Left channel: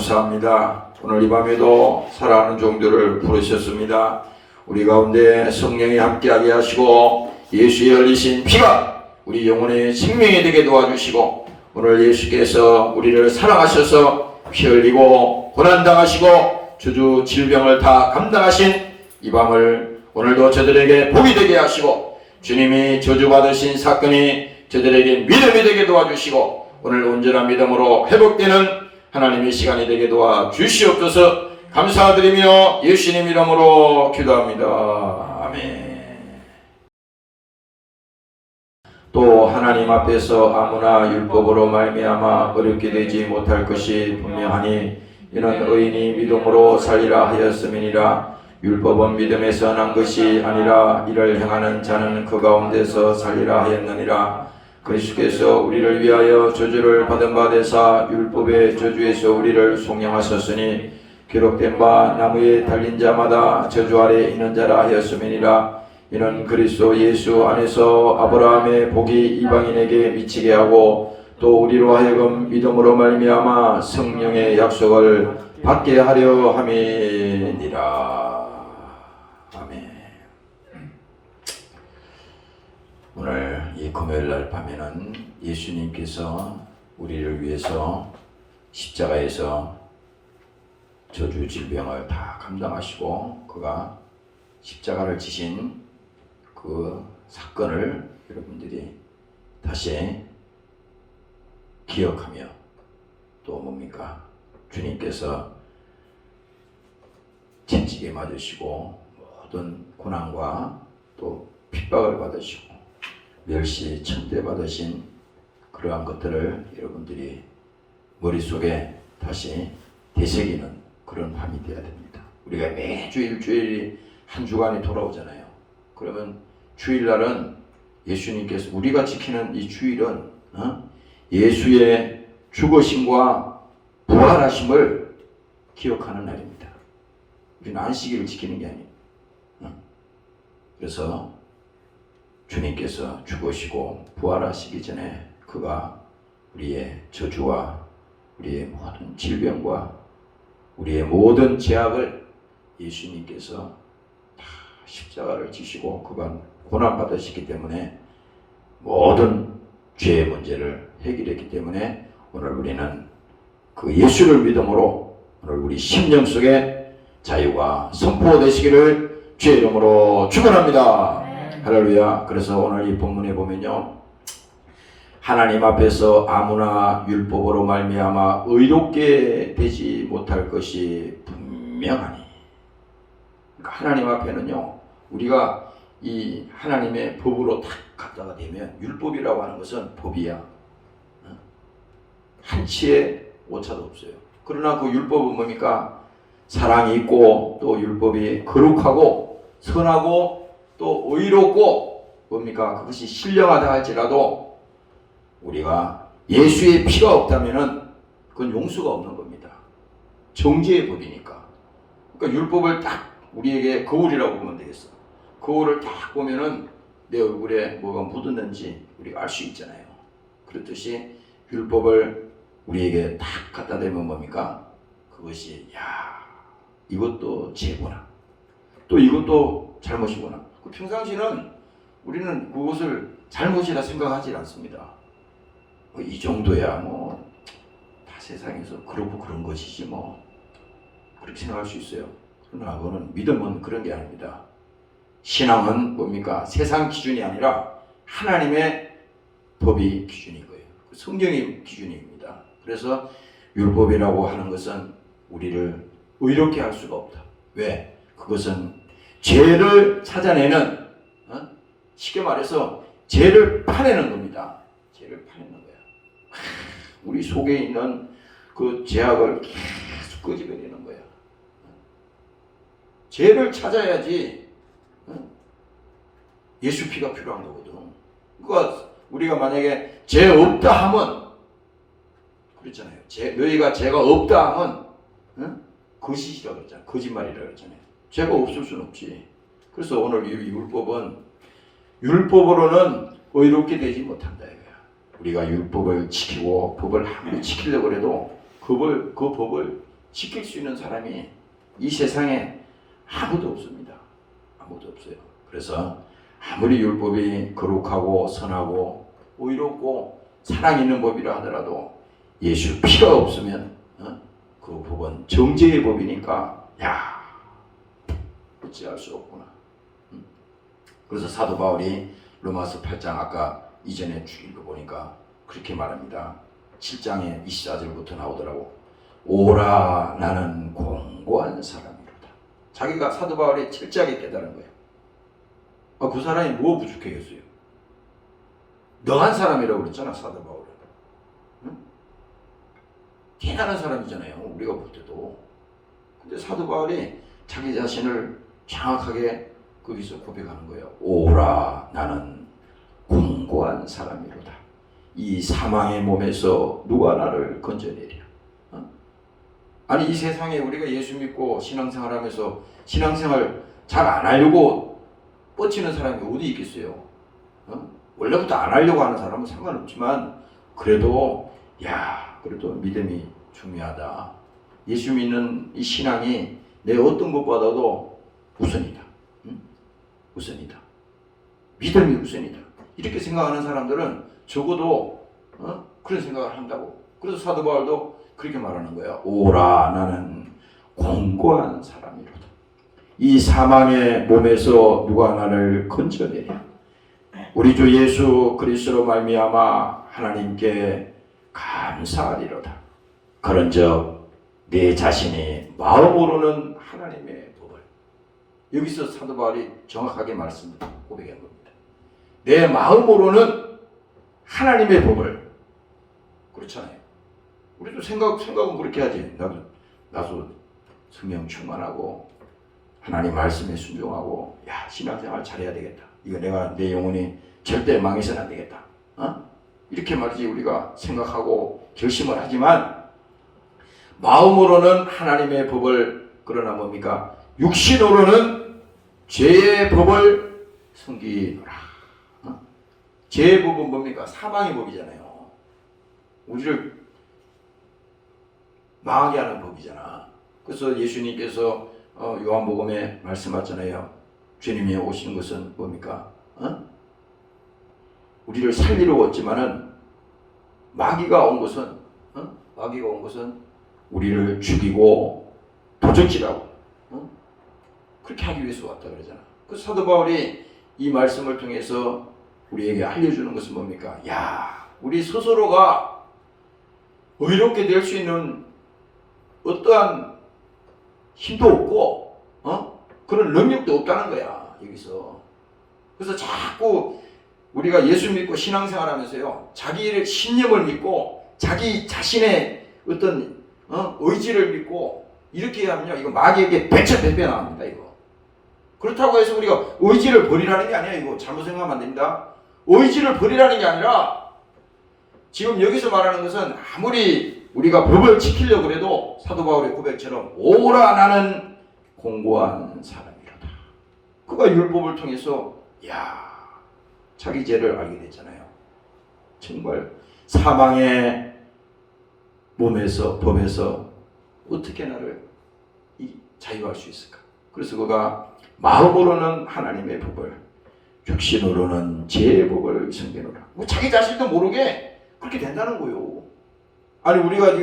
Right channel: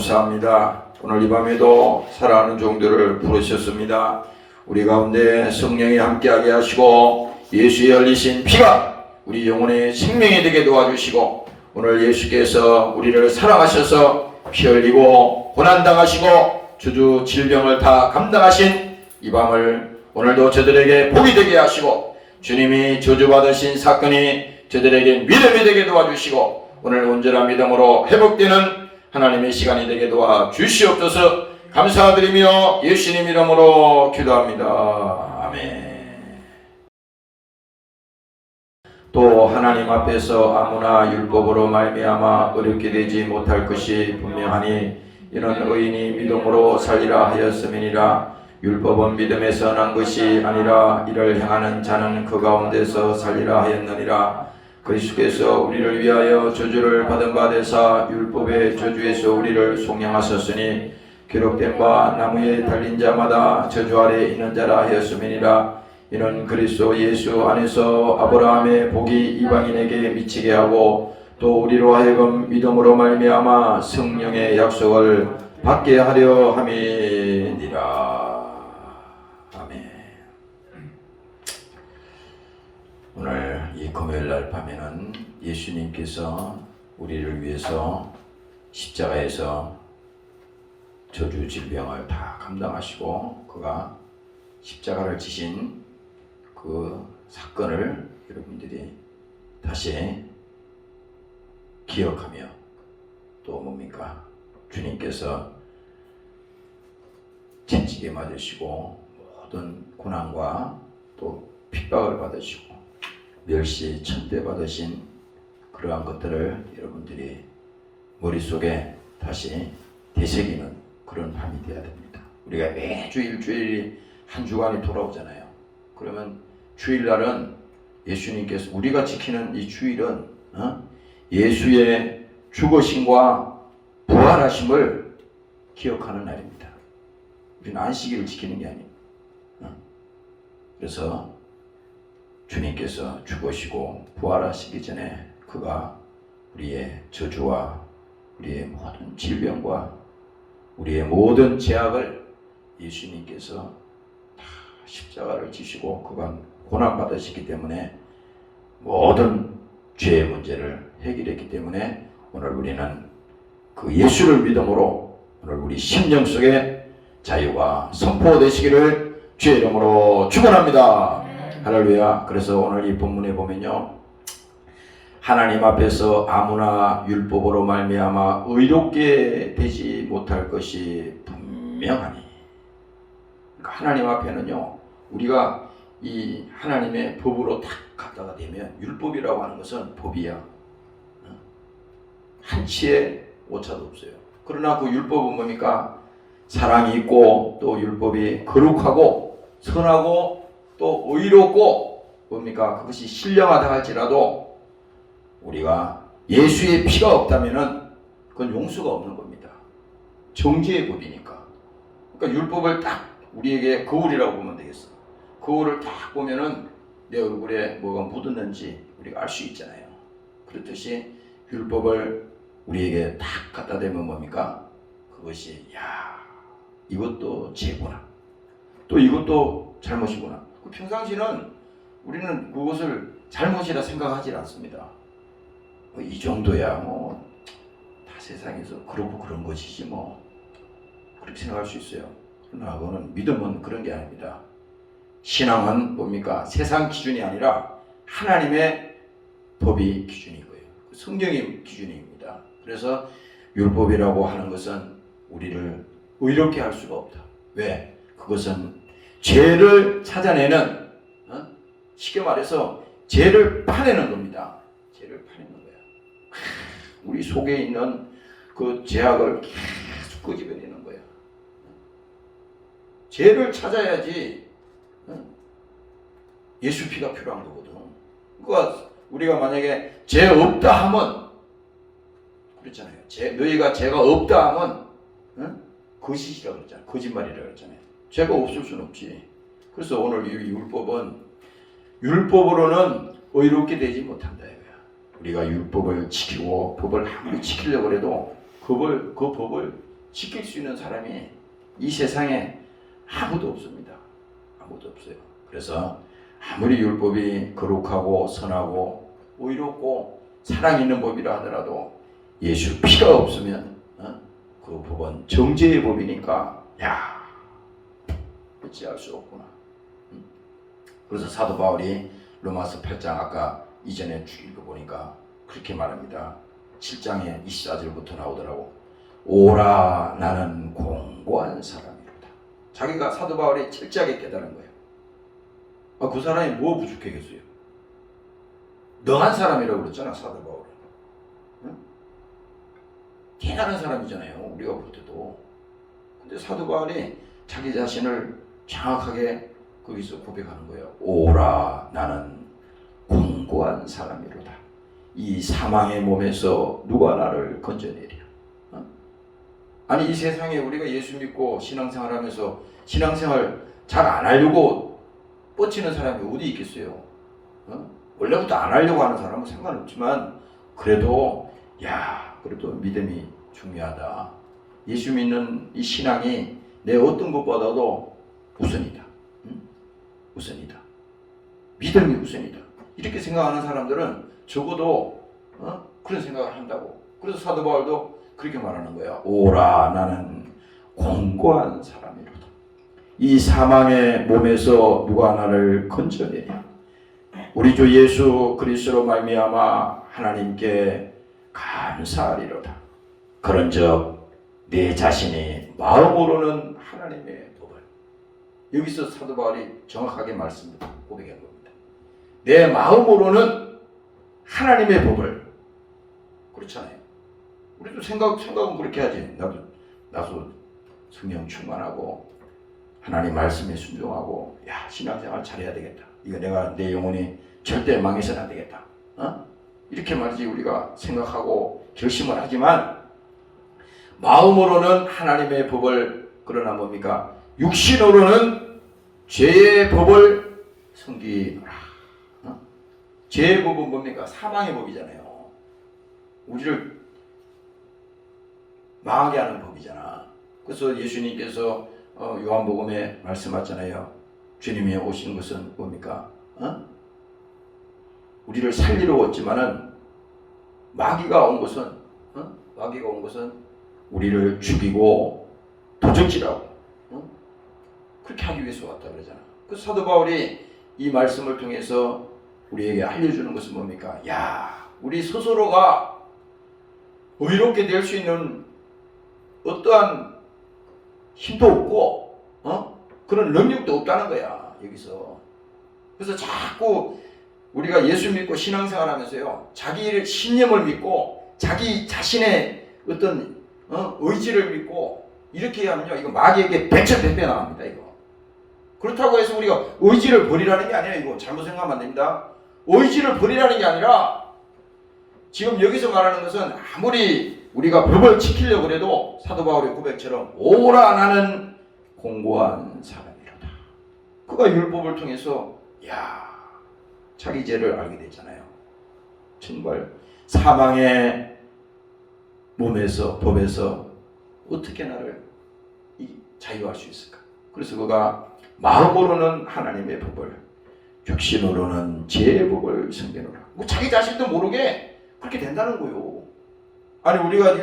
감사합니다. 오늘 이 밤에도 사랑하는 종들을 부르셨습니다. 우리 가운데 성령이 함께하게 하시고 예수의 흘리신 피가 우리 영혼의 생명이 되게 도와주시고 오늘 예수께서 우리를 사랑하셔서 피 흘리고 고난당하시고 주주 질병을 다 감당하신 이 밤을 오늘도 저들에게 복이 되게 하시고 주님이 저주받으신 사건이 저들에게 믿음이 되게 도와주시고 오늘 온전한 믿음으로 회복되는 하나님의 시간이 되게 도와주시옵소서. 감사드리며 예수님 이름으로 기도합니다. 아멘. 또 하나님 앞에서 아무나 율법으로 말미암아 어렵게 되지 못할 것이 분명하니 이는 의인이 믿음으로 살리라 하였음이니라. 율법은 믿음에서 난 것이 아니라 이를 행하는 자는 그 가운데서 살리라 하였느니라. 그리스도께서 우리를 위하여 저주를 받은 바 되사 율법의 저주에서 우리를 속량하셨으니 기록된 바 나무에 달린 자마다 저주 아래 있는 자라 하였음이니라. 이는 그리스도 예수 안에서 아브라함의 복이 이방인에게 미치게 하고 또 우리로 하여금 믿음으로 말미암아 성령의 약속을 받게 하려 함이니라. 오늘 이 금요일날 밤에는 예수님께서 우리를 위해서 십자가에서 저주 질병을 다 감당하시고 그가 십자가를 지신 그 사건을 여러분들이 다시 기억하며 또 뭡니까? 주님께서 채찍에 맞으시고 모든 고난과 또 핍박을 받으시고 멸시 천대 받으신 그러한 것들을 여러분들이 머릿속에 다시 되새기는 그런 밤이 되어야 됩니다. 우리가 매주 일주일이 한 주간이 돌아오잖아요. 그러면 주일날은 예수님께서 우리가 지키는 이 주일은 예수의 죽으심과 부활하심을 기억하는 날입니다. 우리는 안식일을 지키는 게 아니에요. 그래서 주님께서 죽으시고 부활하시기 전에 그가 우리의 저주와 우리의 모든 질병과 우리의 모든 죄악을 예수님께서 다 십자가를 지시고 그가 고난받으시기 때문에 모든 죄의 문제를 해결했기 때문에 오늘 우리는 그 예수를 믿음으로 오늘 우리 심령 속에 자유가 선포되시기를 주의 이름으로 축원합니다. 할렐루야. 그래서 오늘 이 본문에 보면요, 하나님 앞에서 아무나 율법으로 말미암아 의롭게 되지 못할 것이 분명하니. 그러니까 하나님 앞에는요, 우리가 이 하나님의 법으로 딱 갖다가 대면 율법이라고 하는 것은 법이야. 한치의 오차도 없어요. 그러나 그 율법은 뭡니까? 사랑이 있고 또 율법이 거룩하고 선하고 또 의롭고 뭡니까? 그것이 신령하다 할지라도 우리가 예수의 피가 없다면은 그건 용서가 없는 겁니다. 정죄의 법이니까. 그러니까 율법을 딱 우리에게 거울이라고 보면 되겠어. 거울을 딱 보면은 내 얼굴에 뭐가 묻었는지 우리가 알 수 있잖아요. 그렇듯이 율법을 우리에게 딱 갖다 대면 뭡니까? 그것이 이것도 죄구나. 또 이것도 잘못이구나. 평상시는 우리는 그것을 잘못이라 생각하지 않습니다. 이 정도야 다 세상에서 그러고 그런 것이지 그렇게 생각할 수 있어요. 그러나 그거는 믿음은 그런 게 아닙니다. 신앙은 뭡니까? 세상 기준이 아니라 하나님의 법이 기준인 거예요. 성경이 기준입니다. 그래서 율법이라고 하는 것은 우리를 의롭게 할 수가 없다. 왜? 그것은 죄를 찾아내는, 쉽게 말해서 죄를 파내는 겁니다. 죄를 파내는 거야. 우리 속에 있는 그 죄악을 계속 끄집어내는 거야. 죄를 찾아야지 예수 피가 필요한 거거든. 그러니까 우리가 만약에 죄 없다 하면 그렇잖아요. 너희가 죄가 없다 하면 거짓이라고 그랬잖아요. 거짓말이라고 그랬잖아요. 죄가 없을 수는 없지. 그래서 오늘 이 율법은 율법으로는 의롭게 되지 못한다 이거야. 우리가 율법을 지키고 법을 아무리 지키려고 해도 그 법을 지킬 수 있는 사람이 이 세상에 아무도 없습니다. 아무도 없어요. 그래서 아무리 율법이 거룩하고 선하고 의롭고 사랑 있는 법이라 하더라도 예수 피가 없으면 그 법은 정죄의 법이니까 어찌할 수 없구나. 그래서 사도 바울이 로마서 8장 아까 이전에 읽어보니까 그렇게 말합니다. 7장에 24절부터 나오더라고. 오라 나는 공고한 사람이로다. 자기가 사도 바울이 철저하게 깨달은 거예요. 그 사람이 뭐 부족하겠어요? 능한 사람이라고 그랬잖아, 사도 바울은. 응? 대단한 사람이잖아요, 우리가 볼 때도. 근데 사도 바울이 자기 자신을 정확하게 거기서 고백하는 거예요. 오라 나는 공고한 사람이로다. 이 사망의 몸에서 누가 나를 건져내랴. 아니 이 세상에 우리가 예수 믿고 신앙생활하면서 신앙생활 잘 안 하려고 뻗치는 사람이 어디 있겠어요? 원래부터 안 하려고 하는 사람은 상관없지만 그래도 그래도 믿음이 중요하다. 예수 믿는 이 신앙이 내 어떤 것보다도 우선이다. 우선이다. 믿음이 우선이다. 이렇게 생각하는 사람들은 적어도 그런 생각을 한다고. 그래서 사도 바울도 그렇게 말하는 거야. 오라 나는 공고한 사람이로다. 이 사망의 몸에서 누가 나를 건져내랴. 우리 주 예수 그리스도로 말미암아 하나님께 감사하리로다. 그런즉 내 자신이 마음으로는 하나님의 법을, 여기서 사도 바울이 정확하게 고백한 겁니다. 내 마음으로는 하나님의 법을. 그렇잖아요. 우리도 생각은 그렇게 하지. 나도 성령 충만하고 하나님 말씀에 순종하고 신앙생활 잘해야 되겠다. 이거 내 영혼이 절대 망해서는 안 되겠다. 이렇게 말이지 우리가 생각하고 결심을 하지만 마음으로는 하나님의 법을, 그러나 뭡니까? 육신으로는 죄의 법을 섬기노라. 죄의 법은 뭡니까? 사망의 법이잖아요. 우리를 망하게 하는 법이잖아. 그래서 예수님께서 요한복음에 말씀하잖아요. 주님이 오신 것은 뭡니까? 우리를 살리러 왔지만은 마귀가 온 것은 우리를 죽이고 도적질하고 그렇게 하기 위해서 왔다 그러잖아. 그래서 사도 바울이 이 말씀을 통해서 우리에게 알려주는 것은 뭡니까? 우리 스스로가 의롭게 될 수 있는 어떠한 힘도 없고 그런 능력도 없다는 거야, 여기서. 그래서 자꾸 우리가 예수 믿고 신앙생활 하면서요, 자기의 신념을 믿고 자기 자신의 어떤 의지를 믿고 이렇게 하면요, 이거 마귀에게 배차배배 나갑니다, 이거. 그렇다고 해서 우리가 의지를 버리라는 게 아니에요. 이거 잘못 생각하면 안 됩니다. 의지를 버리라는 게 아니라 지금 여기서 말하는 것은 아무리 우리가 법을 지키려고 해도 사도 바울의 고백처럼 오라 나는 공고한 사람이로다. 그가 율법을 통해서 자기 죄를 알게 됐잖아요. 정말 사망의 몸에서, 법에서 어떻게 나를 자유할 수 있을까? 그래서 그가 마음으로는 하나님의 법을, 육신으로는 죄의 법을 섬기노라. 자기 자신도 모르게 그렇게 된다는 거예요. 아니 우리가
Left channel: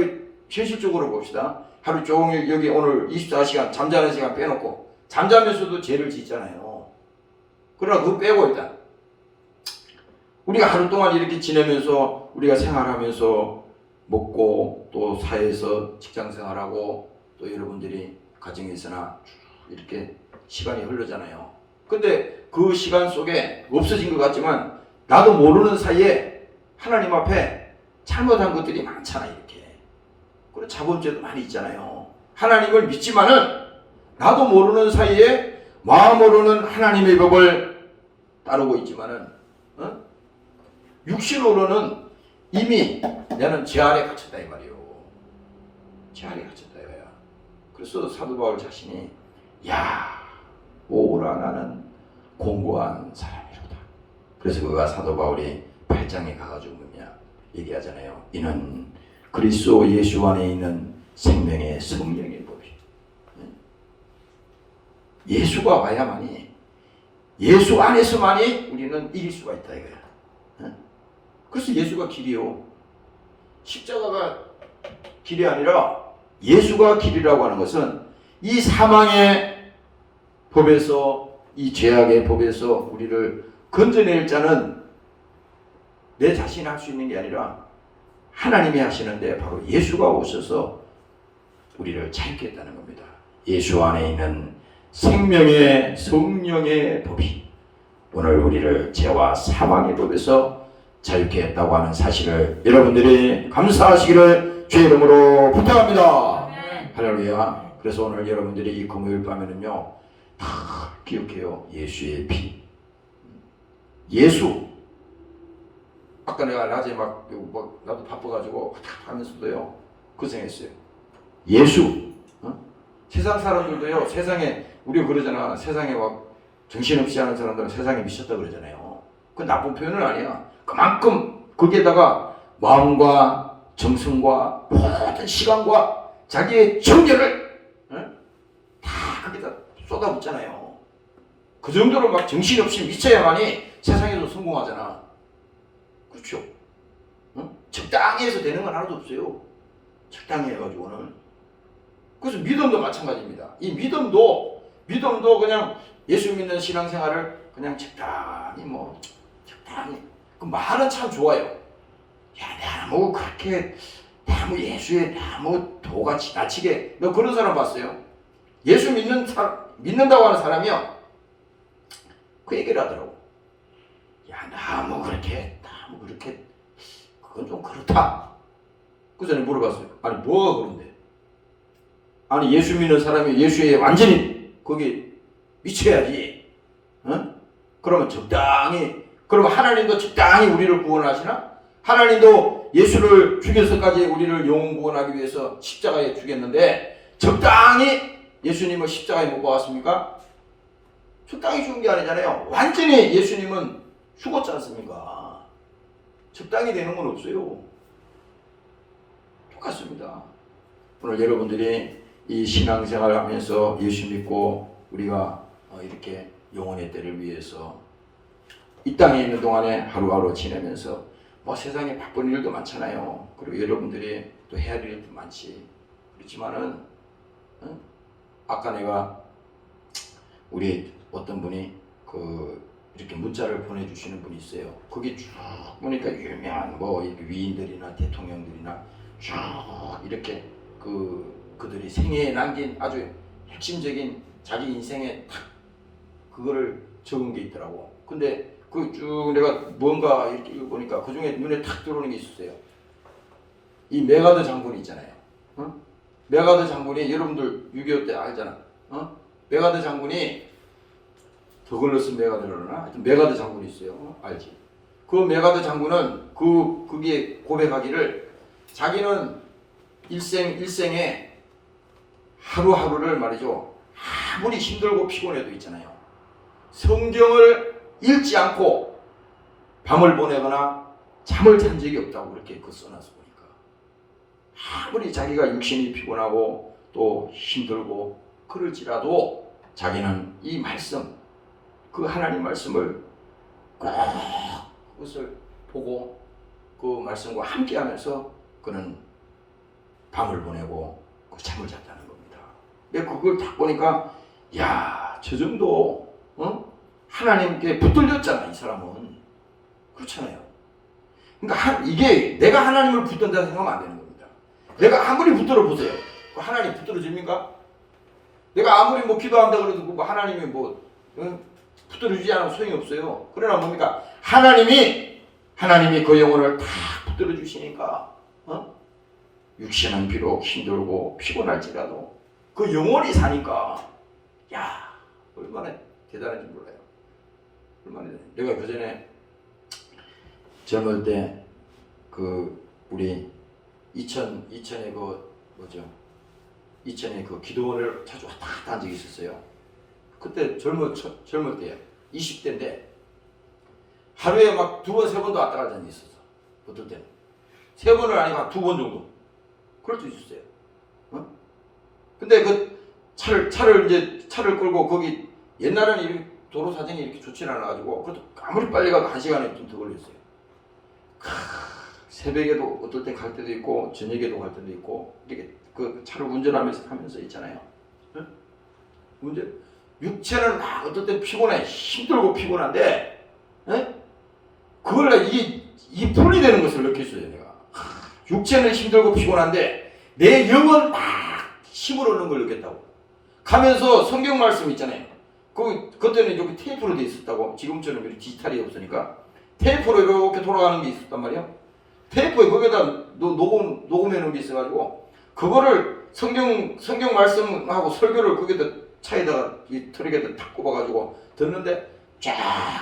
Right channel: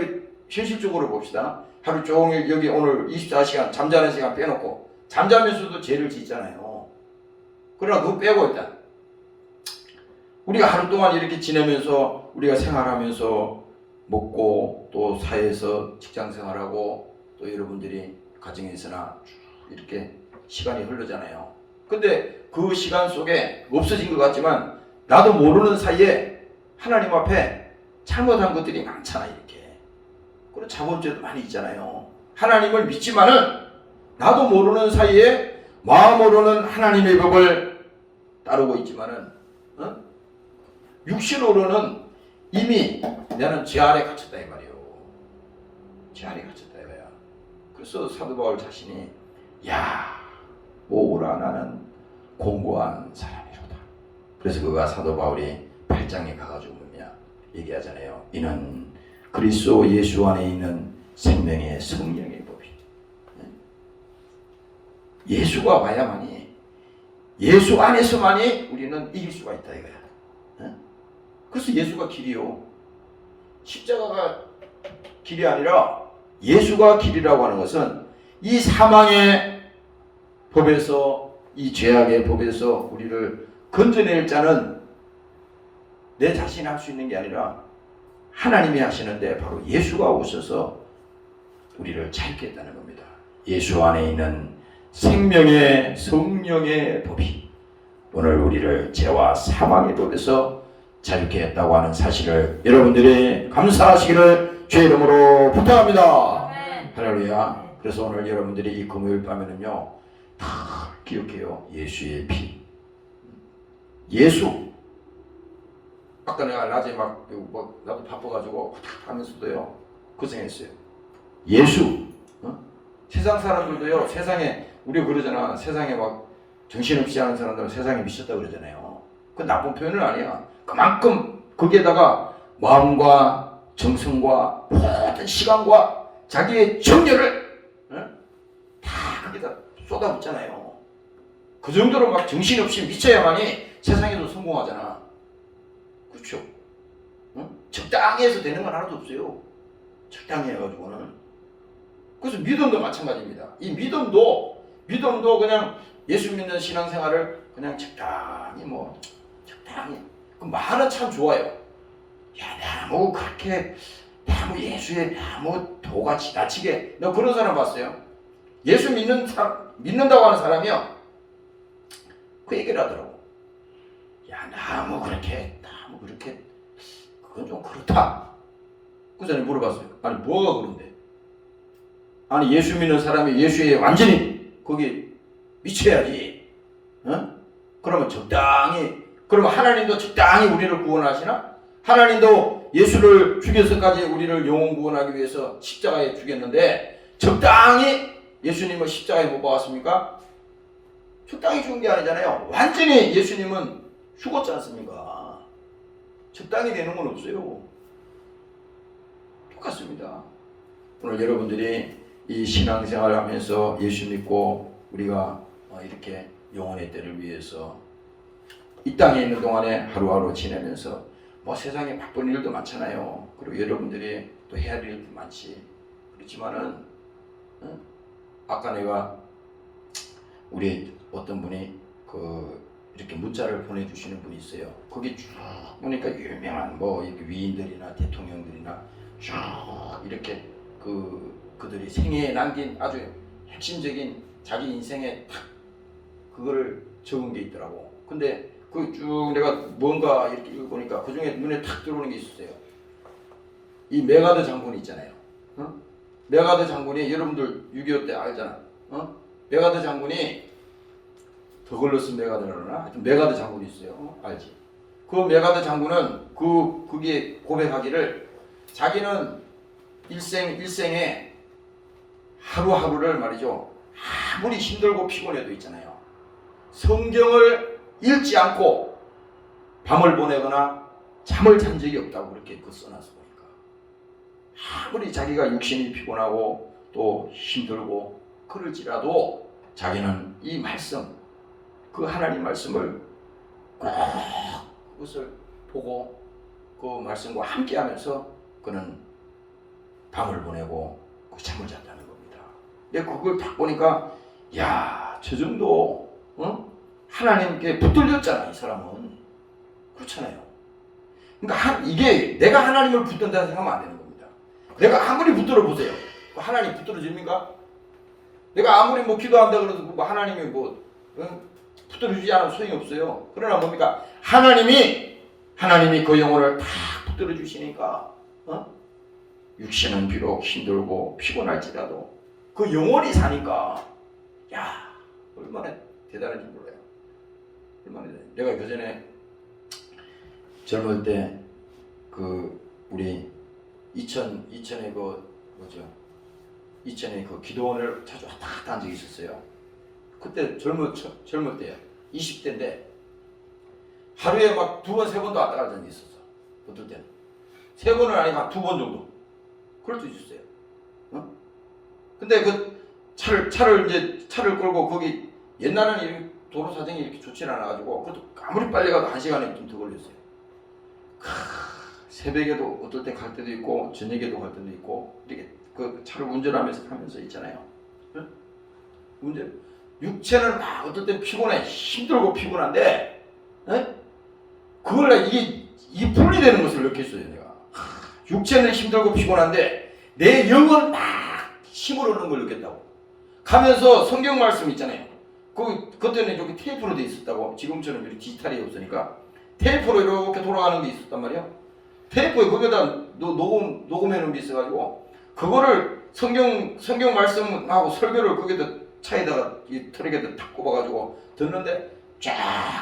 현실적으로 봅시다. 하루 종일 여기 오늘 24시간 잠자는 시간 빼놓고 잠자면서도 죄를 짓잖아요. 그러나 그거 빼고 일단 우리가 하루 동안 이렇게 지내면서 우리가 생활하면서 먹고 또 사회에서 직장생활하고 또 여러분들이 가정에서나 이렇게 시간이 흐르잖아요. 근데 그 시간 속에 없어진 것 같지만 나도 모르는 사이에 하나님 앞에 잘못한 것들이 많잖아, 이렇게. 그런 자본죄도 많이 있잖아요. 하나님을 믿지만은 나도 모르는 사이에 마음으로는 하나님의 법을 따르고 있지만은 육신으로는 이미 나는 죄 아래 갇혔다 이 말이에요. 죄 아래 갇혔다 이거야. 그래서 사도 바울 자신이 오라 나는 공고한 사람이로다. 그래서 그가 사도 바울이 8장에 가가지고 얘기하잖아요. 이는 그리스도 예수 안에 있는 생명의 성령의 법이. 예수가 와야만이, 예수 안에서만이 우리는 이길 수가 있다 이거야. 그래서 예수가 길이요. 십자가가 길이 아니라 예수가 길이라고 하는 것은 이 사망의 법에서, 이 죄악의 법에서 우리를 건져낼 자는 내 자신이 할 수 있는 게 아니라 하나님이 하시는데, 바로 예수가 오셔서 우리를 자유케 했다는 겁니다. 예수 안에 있는 생명의 성령의 법이 오늘 우리를 죄와 사망의 법에서 자유케 했다고 하는 사실을 여러분들이 감사하시기를 주의 이름으로 부탁합니다. 할렐루야. 그래서 오늘 여러분들이 이 금요일 밤에는요, 다 기억해요. 예수의 피. 예수. 아까 내가 낮에 나도 바빠가지고 하면서도요, 고생했어요. 예수. 세상 사람들도요, 세상에, 우리가 그러잖아. 세상에 막 정신없이 하는 사람들은 세상에 미쳤다 그러잖아요. 그건 나쁜 표현은 아니야. 그만큼 거기에다가 마음과 정성과 모든 시간과 자기의 정열을 다 거기다 쏟아붓잖아요. 그 정도로 막 정신없이 미쳐야만이 세상에도 성공하잖아. 그렇죠? 적당히 해서 되는 건 하나도 없어요. 적당히 해가지고는. 그래서 믿음도 마찬가지입니다. 이 믿음도 그냥 예수 믿는 신앙생활을 그냥 적당히 그 말은 참 좋아요. 야, 뭐 그렇게 너무 예수에 너무 도가 지나치게, 너 그런 사람 봤어요? 예수 믿는다고 하는 사람이요, 그 얘기를 하더라고. 야, 너무 그렇게 그건 좀 그렇다. 그래서 내가 물어봤어요. 아니 뭐가 그런데? 아니 예수 믿는 사람이 예수에 완전히 거기 미쳐야지. 그러면 그러면 하나님도 적당히 우리를 구원하시나? 하나님도 예수를 죽여서까지 우리를 영원 구원하기 위해서 십자가에 죽였는데 적당히 예수님을 십자가에 못 박았습니까? 적당히 죽은 게 아니잖아요. 완전히 예수님은 죽었지 않습니까? 적당히 되는 건 없어요. 똑같습니다. 오늘 여러분들이 이 신앙생활 하면서 예수 믿고 우리가 이렇게 영혼의 때를 위해서 이 땅에 있는 동안에 하루하루 지내면서 뭐 세상에 바쁜 일도 많잖아요. 그리고 여러분들이 또 해야 될 일도 많지. 그렇지만은 아까 내가 우리 어떤 분이 이렇게 문자를 보내주시는 분이 있어요. 거기 쭉 보니까 유명한 위인들이나 대통령들이나 쭉 이렇게 그들이 생애에 남긴 아주 핵심적인 자기 인생에 탁 그거를 적은 게 있더라고. 근데 쭉 내가 뭔가 이렇게 읽어보니까 그 중에 눈에 탁 들어오는 게 있었어요. 이 메가더 장군이 있잖아요. 메가더 장군이, 여러분들 6.25 때 알잖아. 메가더 장군이 더글러스 메가더나 하여튼 메가더 장군이 있어요. 알지? 그 메가더 장군은 거기에 고백하기를 자기는 일생에 하루하루를 말이죠. 아무리 힘들고 피곤해도 있잖아요. 성경을 읽지 않고 밤을 보내거나 잠을 잔 적이 없다고 그렇게 써놨어 보니까. 아무리 자기가 육신이 피곤하고 또 힘들고 그럴지라도 자기는 이 말씀, 그 하나님 말씀을 꼭 그것을 보고 그 말씀과 함께하면서 그는 밤을 보내고 잠을 잤다는 겁니다. 근데 그걸 딱 보니까 야, 저 정도 하나님께 붙들렸잖아, 이 사람은. 그렇잖아요. 그러니까 이게 내가 하나님을 붙든다는 생각하면 안 되는 겁니다. 내가 아무리 붙들어 보세요. 하나님 붙들어집니까? 내가 아무리 기도한다 그래도 하나님이 붙들어주지 않으면 소용이 없어요. 그러나 뭡니까? 하나님이 그 영혼을 다 붙들어 주시니까 육신은 비록 힘들고 피곤할지라도 그 영혼이 사니까 야, 얼마나 대단한지 몰라요. 얼마나 대단해. 내가 그 전에 젊을 때 우리 이천에 이천에 기도원을 자주 왔다 갔다 한 적이 있었어요. 그때 젊을 때야. 20대인데 하루에 막 2번, 3번도 왔다 갔다 한 적이 있었어. 어떨 때는 3번은 아니고 한 2번 정도. 그럴 수 있었어요. 근데 그 차를 끌고 거기 옛날에는 이렇게 도로 사정이 이렇게 좋지 않아가지고 그것도 아무리 빨리 가도 1시간에 좀 더 걸렸어요. 새벽에도 어떨 때 갈 때도 있고 저녁에도 갈 때도 있고 이렇게 그 차를 운전하면서 있잖아요. 응? 육체는 막 어떨 때 피곤해, 힘들고 피곤한데, 응? 그걸 이게 분리되는 것을 느꼈어요. 내가 육체는 힘들고 피곤한데 내 영은 막 힘을 얻는 걸 느꼈다고. 가면서 성경 말씀 있잖아요. 그때는 여기 테이프로 돼 있었다고. 지금처럼 이렇게 디지털이 없으니까 테이프로 이렇게 돌아가는 게 있었단 말이에요. 테이프에 거기다 녹음해 놓은 게 있어가지고 그거를 성경 말씀하고 설교를 거기다 차에다가 이 트럭에다 탁 꼽아가지고 듣는데 쫙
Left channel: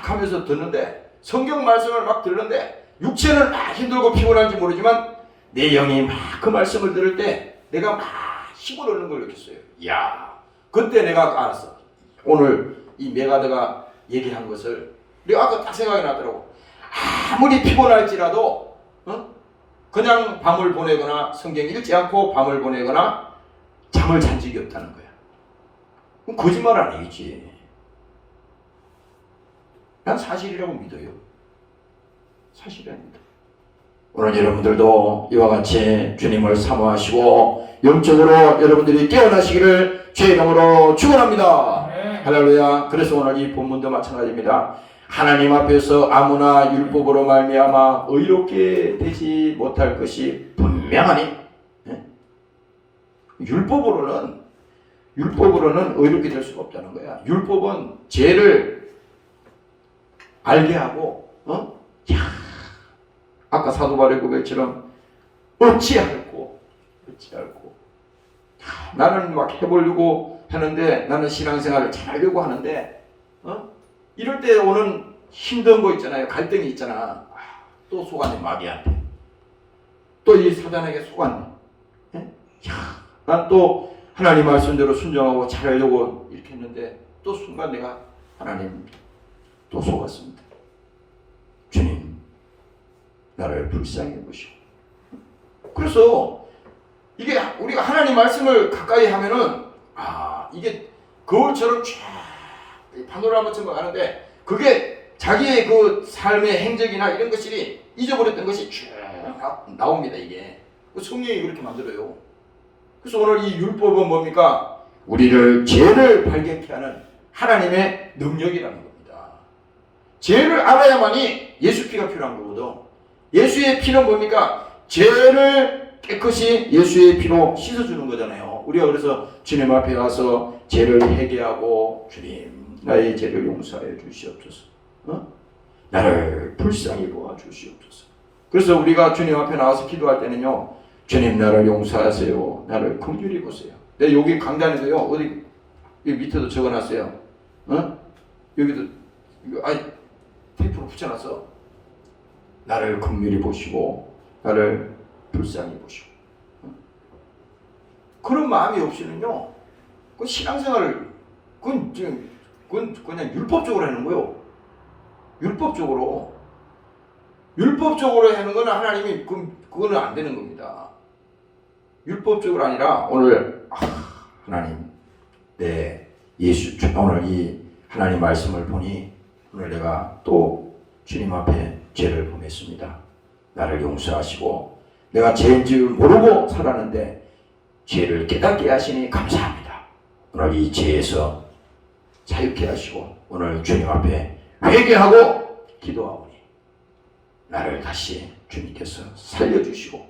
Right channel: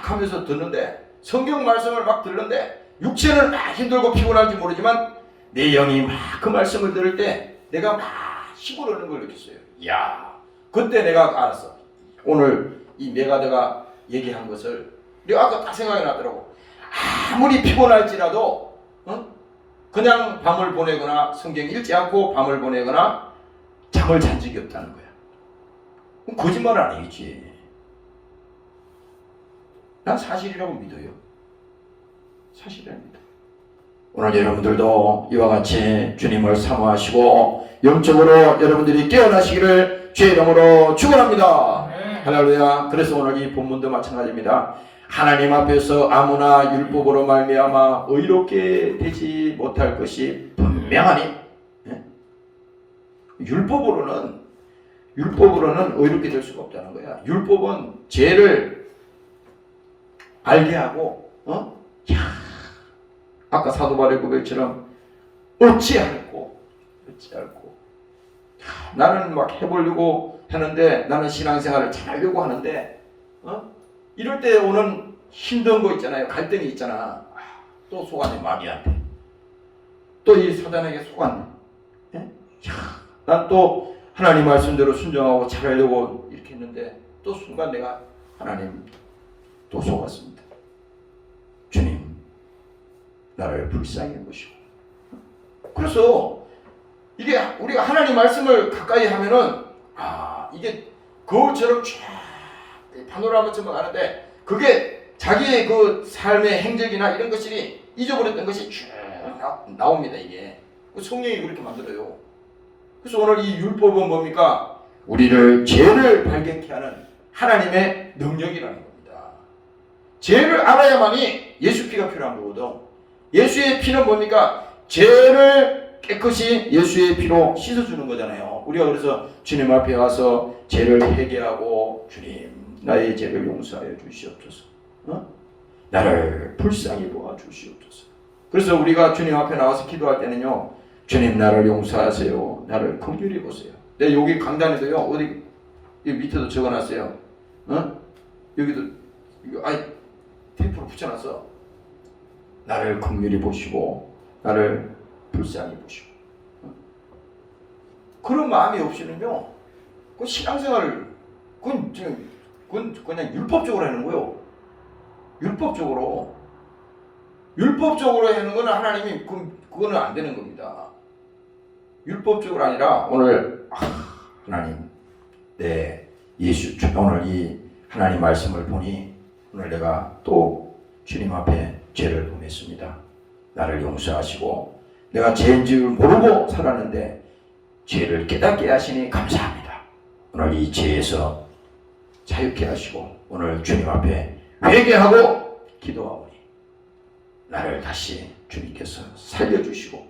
하면서 듣는데 성경 말씀을 막 듣는데 육체는 막 힘들고 피곤한지 모르지만 내 영이 막 그 말씀을 들을 때 내가 막 힘을 얻는 걸 느꼈어요. 이야, 그때 내가 알았어. 오늘 이 메가드가 얘기한 것을 내가 아까 딱 생각이 났더라고. 아무리 피곤할지라도 그냥 밤을 보내거나 성경 읽지 않고 밤을 보내거나 잠을 잔 적이 없다는 거야. 그럼 거짓말 아니겠지. 난 사실이라고 믿어요. 사실입니다. 오늘 여러분들도 이와 같이 주님을 사모하시고 영적으로 여러분들이 깨어나시기를 주의 이름으로 축원합니다. 할렐루야. 그래서 오늘 이 본문도 마찬가지입니다. 하나님 앞에서 아무나 율법으로 말미암아 의롭게 되지 못할 것이 분명하니 율법으로는 의롭게 될 수가 없다는 거야. 율법은 죄를 알게 하고 아까 사도 바울의 고백처럼 어찌할꼬 나는 막 해보려고 하는데 나는 신앙생활을 잘하려고 하는데 이럴 때 오는 힘든 거 있잖아요. 갈등이 있잖아. 또 속았네. 마귀한테 또 이 사단에게 속았네. 난 또 하나님 말씀대로 순종하고 잘하려고 이렇게 했는데 또 순간 내가 하나님 또 속았습니다. 주님 나를 불쌍히 보시고. 그래서 이게 우리가 하나님 말씀을 가까이 하면은 이게 거울처럼 쫙 파노라마처럼 가는데 그게 자기의 그 삶의 행적이나 이런 것들이 잊어버렸던 것이 쭉 나옵니다. 이게 성령이 그렇게 만들어요. 그래서 오늘 이 율법은 뭡니까? 우리를 죄를 발견케 하는 하나님의 능력이라는 겁니다. 죄를 알아야만이 예수 피가 필요한 거거든. 예수의 피는 뭡니까? 죄를 깨끗이 예수의 피로 씻어주는 거잖아요. 우리가 그래서 주님 앞에 와서 죄를 회개하고 주님 나의 죄를 용서하여 주시옵소서. 나를 불쌍히 보아 주시옵소서. 그래서 우리가 주님 앞에 나와서 기도할 때는요. 주님 나를 용서하세요. 나를 긍휼히 보세요. 내가 여기 강단에도요. 어디 여기 밑에도 적어놨어요. 여기도 이거 테이프로 붙여놨어. 나를 긍휼히 보시고 나를 불쌍히 보시고. 그런 마음이 없이는요. 그 신앙생활을 그건 그냥 율법적으로 하는 거예요. 율법적으로 하는 거는 하나님이 그거는 안 되는 겁니다. 율법적으로 아니라 오늘 하나님 오늘 이 하나님 말씀을 보니 오늘 내가 또 주님 앞에 죄를 범했습니다. 나를 용서하시고 내가 죄인 줄 모르고 살았는데 죄를 깨닫게 하시니 감사합니다. 오늘 이 죄에서 자유케 하시고 오늘 주님 앞에 회개하고 기도하오니 나를 다시 주님께서 살려주시고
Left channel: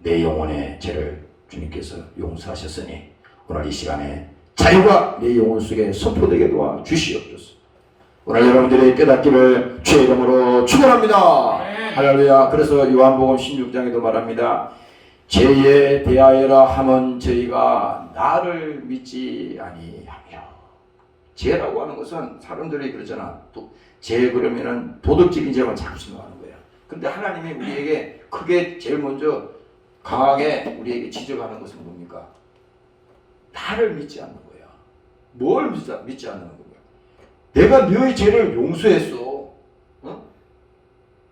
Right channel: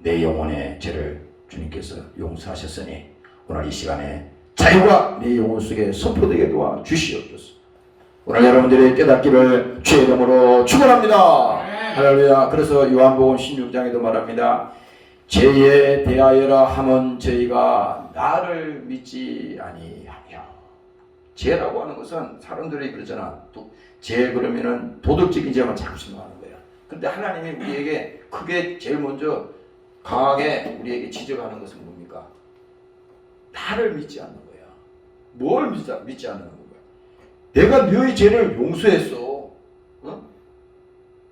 내 영혼의 죄를 주님께서 용서하셨으니 오늘 이 시간에 자유가 내 영혼 속에 선포되게 도와 주시옵소서. 오늘 여러분들의 깨닫기를 주의 이름으로 축원합니다. 할렐루야. 그래서 요한복음 16장에도 말합니다. 죄에 대하여라 함은 저희가 나를 믿지 아니하며. 죄라고 하는 것은 사람들이 그러잖아. 죄 그러면은 도덕적인 죄만 자꾸 생각하는 거야. 근데 하나님이 우리에게 크게 제일 먼저 강하게 우리에게 지적하는 것은 뭡니까? 나를 믿지 않는 거야. 뭘 믿지 않는 거야? 내가 너의 죄를 용서했어.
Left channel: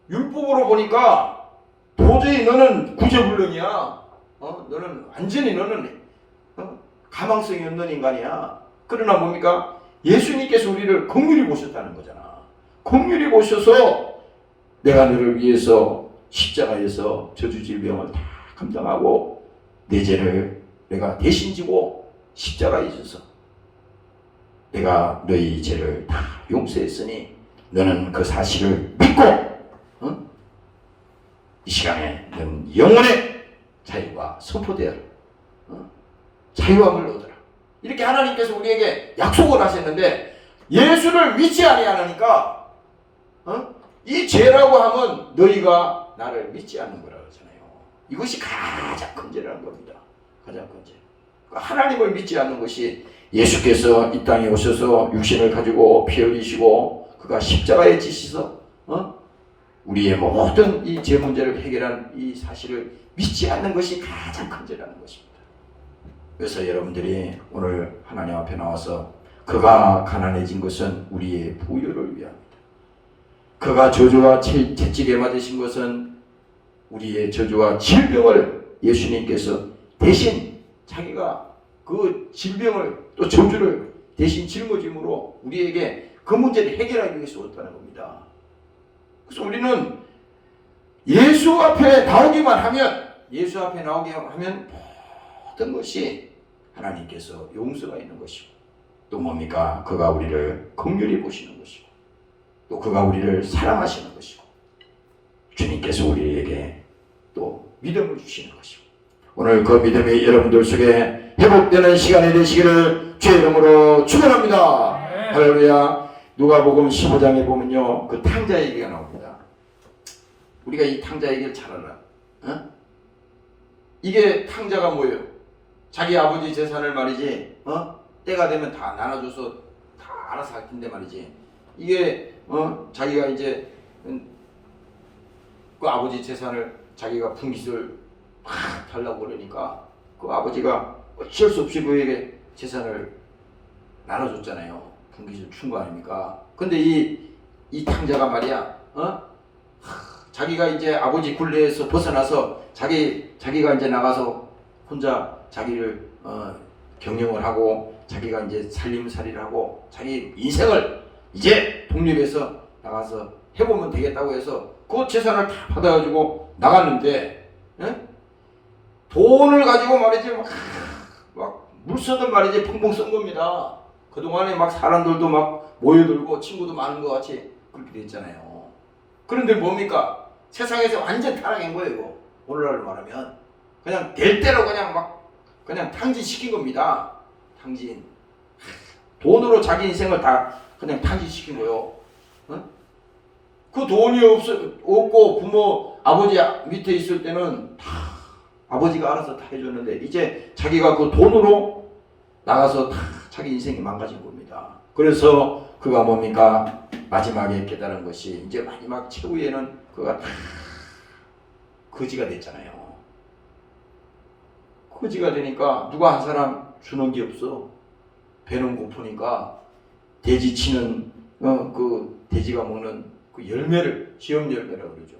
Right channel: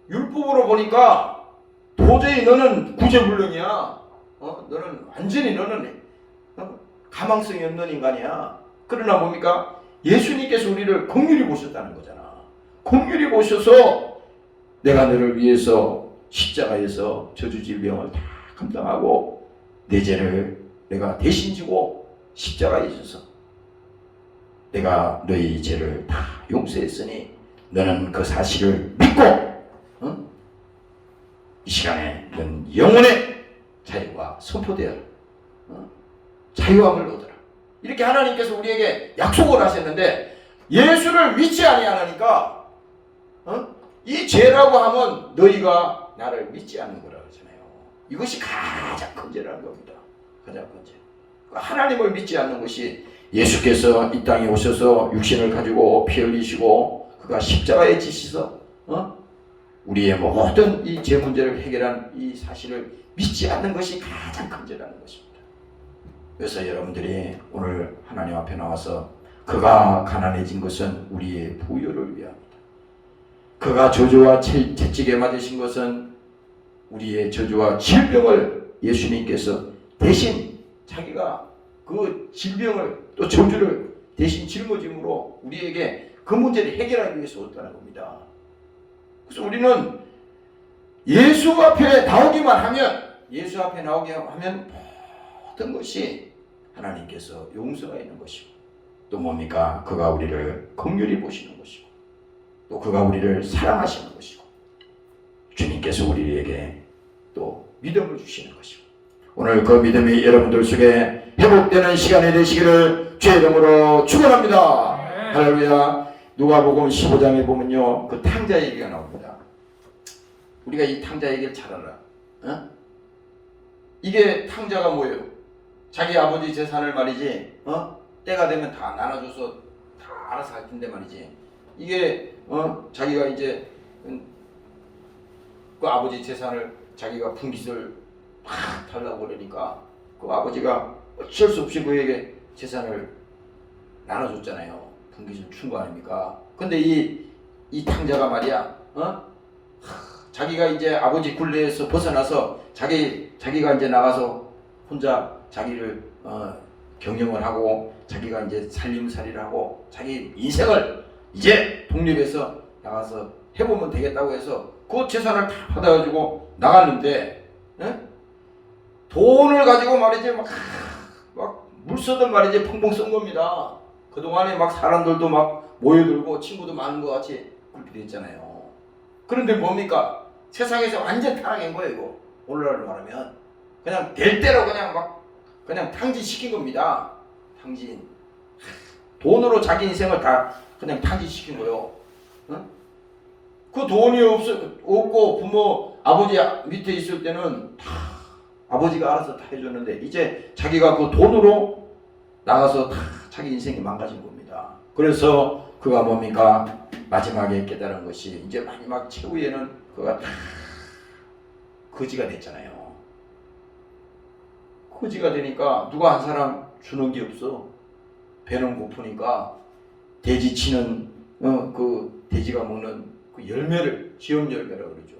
율법으로 보니까 도저히 너는 구제불능이야. 너는 완전히 가망성이 없는 인간이야. 그러나 뭡니까? 예수님께서 우리를 긍휼히 보셨다는 거잖아. 긍휼히 보셔서 내가 너를 위해서 십자가에서 저주질병을 다 감당하고 내 죄를 내가 대신 지고 십자가에 있어서 내가 너희 죄를 다 용서했으니 너는 그 사실을 믿고 이 시간에 넌 영혼의 자유가 선포되어라. 자유함을 얻어라. 이렇게 하나님께서 우리에게 약속을 하셨는데 예수를 믿지 아니하니까 이 죄라고 하면 너희가 나를 믿지 않는 거라 그러잖아요. 이것이 가장 큰 죄라는 겁니다. 가장 큰 죄. 하나님을 믿지 않는 것이 예수께서 이 땅에 오셔서 육신을 가지고 피 흘리시고 그가 십자가에 지시서 우리의 모든 이 죄 문제를 해결한 이 사실을 믿지 않는 것이 가장 큰 죄라는 것입니다. 그래서 여러분들이 오늘 하나님 앞에 나와서 그가 가난해진 것은 우리의 부유를 위함이다. 그가 저주와 채찍에 맞으신 것은 우리의 저주와 질병을 예수님께서 대신 자기가 그 질병을 또 저주를 대신 짊어짐으로 우리에게 그 문제를 해결하기 위해서 왔다는 겁니다. 그래서 우리는 예수 앞에 나오기만 하면 모든 것이 하나님께서 용서가 있는 것이고 또 뭡니까? 그가 우리를 긍휼히 보시는 것이고 또 그가 우리를 사랑하시는 것이고 주님께서 우리에게 또 믿음을 주시는 것이고 오늘 그 믿음이 여러분들 속에 회복되는 시간이 되시기를 주의 이름으로 축원합니다. 할렐루야. 누가복음 15장에 보면요 그 탕자 얘기가 나옵니다. 우리가 이 탕자 얘기를 잘 알아. 이게 탕자가 뭐예요? 자기 아버지 재산을 말이지 때가 되면 다 나눠줘서 다 알아서 할 텐데 말이지 이게 자기가 이제 그 아버지 재산을 자기가 분깃을 막 달라고 그러니까 그 아버지가 어쩔 수 없이 그에게 재산을 나눠줬잖아요. 분깃을 준 거 아닙니까? 근데 이 탕자가 말이야 자기가 이제 아버지 굴레에서 벗어나서 자기가 이제 나가서 혼자 자기를 경영을 하고 자기가 이제 살림살이를 하고 자기 인생을 이제 독립해서 나가서 해보면 되겠다고 해서 그 재산을 다 받아가지고 나갔는데 돈을 가지고 말이지 막 물쓰듯 말이지 펑펑 쓴 겁니다. 그동안에 막 사람들도 막 모여들고 친구도 많은 것 같이 그렇게 됐잖아요. 그런데 뭡니까? 세상에서 완전 타락한 거예요. 이거. 오늘날로 말하면 그냥 될 대로 그냥 탕진시킨 겁니다. 탕진. 돈으로 자기 인생을 다 그냥 탕진시킨 거예요. 그 돈이 없고 부모 아버지 밑에 있을 때는 다 아버지가 알아서 다 해줬는데 이제 자기가 그 돈으로 나가서 다 자기 인생이 망가진 겁니다. 그래서 그가 뭡니까? 마지막에 깨달은 것이 이제 마지막 최후에는 그가 다 거지가 됐잖아요. 거지가 되니까 누가 한 사람 주는 게 없어. 배는 고프니까 돼지 치는 그 돼지가 먹는 그 열매를 지엄 열매라고 그러죠.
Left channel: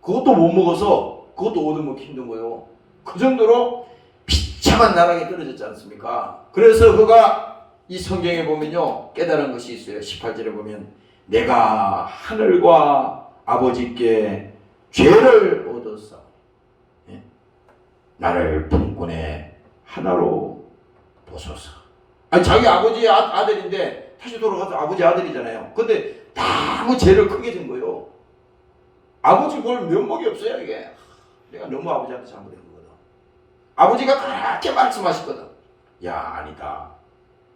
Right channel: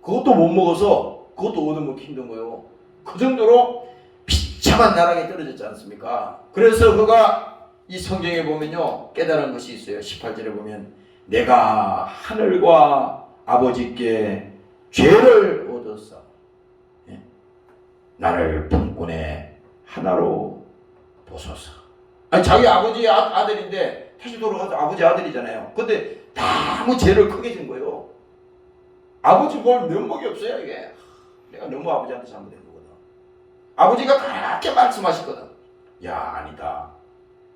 그것도 못 먹어서 그것도 얻어먹기 힘든 거예요. 그 정도로 비참한 나락에 떨어졌지 않습니까? 그래서 그가 이 성경에 보면요 깨달은 것이 있어요. 18절에 보면 내가 하늘과 아버지께 죄를 얻었어. 나를 분군의 하나로 보소서. 아니 자기 아버지의 아들인데 다시 돌아가서 아버지 아들이잖아요. 근데 너무 죄를 크게 진 거예요. 아버지 뭘 면목이 없어요 이게. 내가 너무 아버지한테 잘못한 거거든. 아버지가 그렇게 말씀하셨거든. 야 아니다.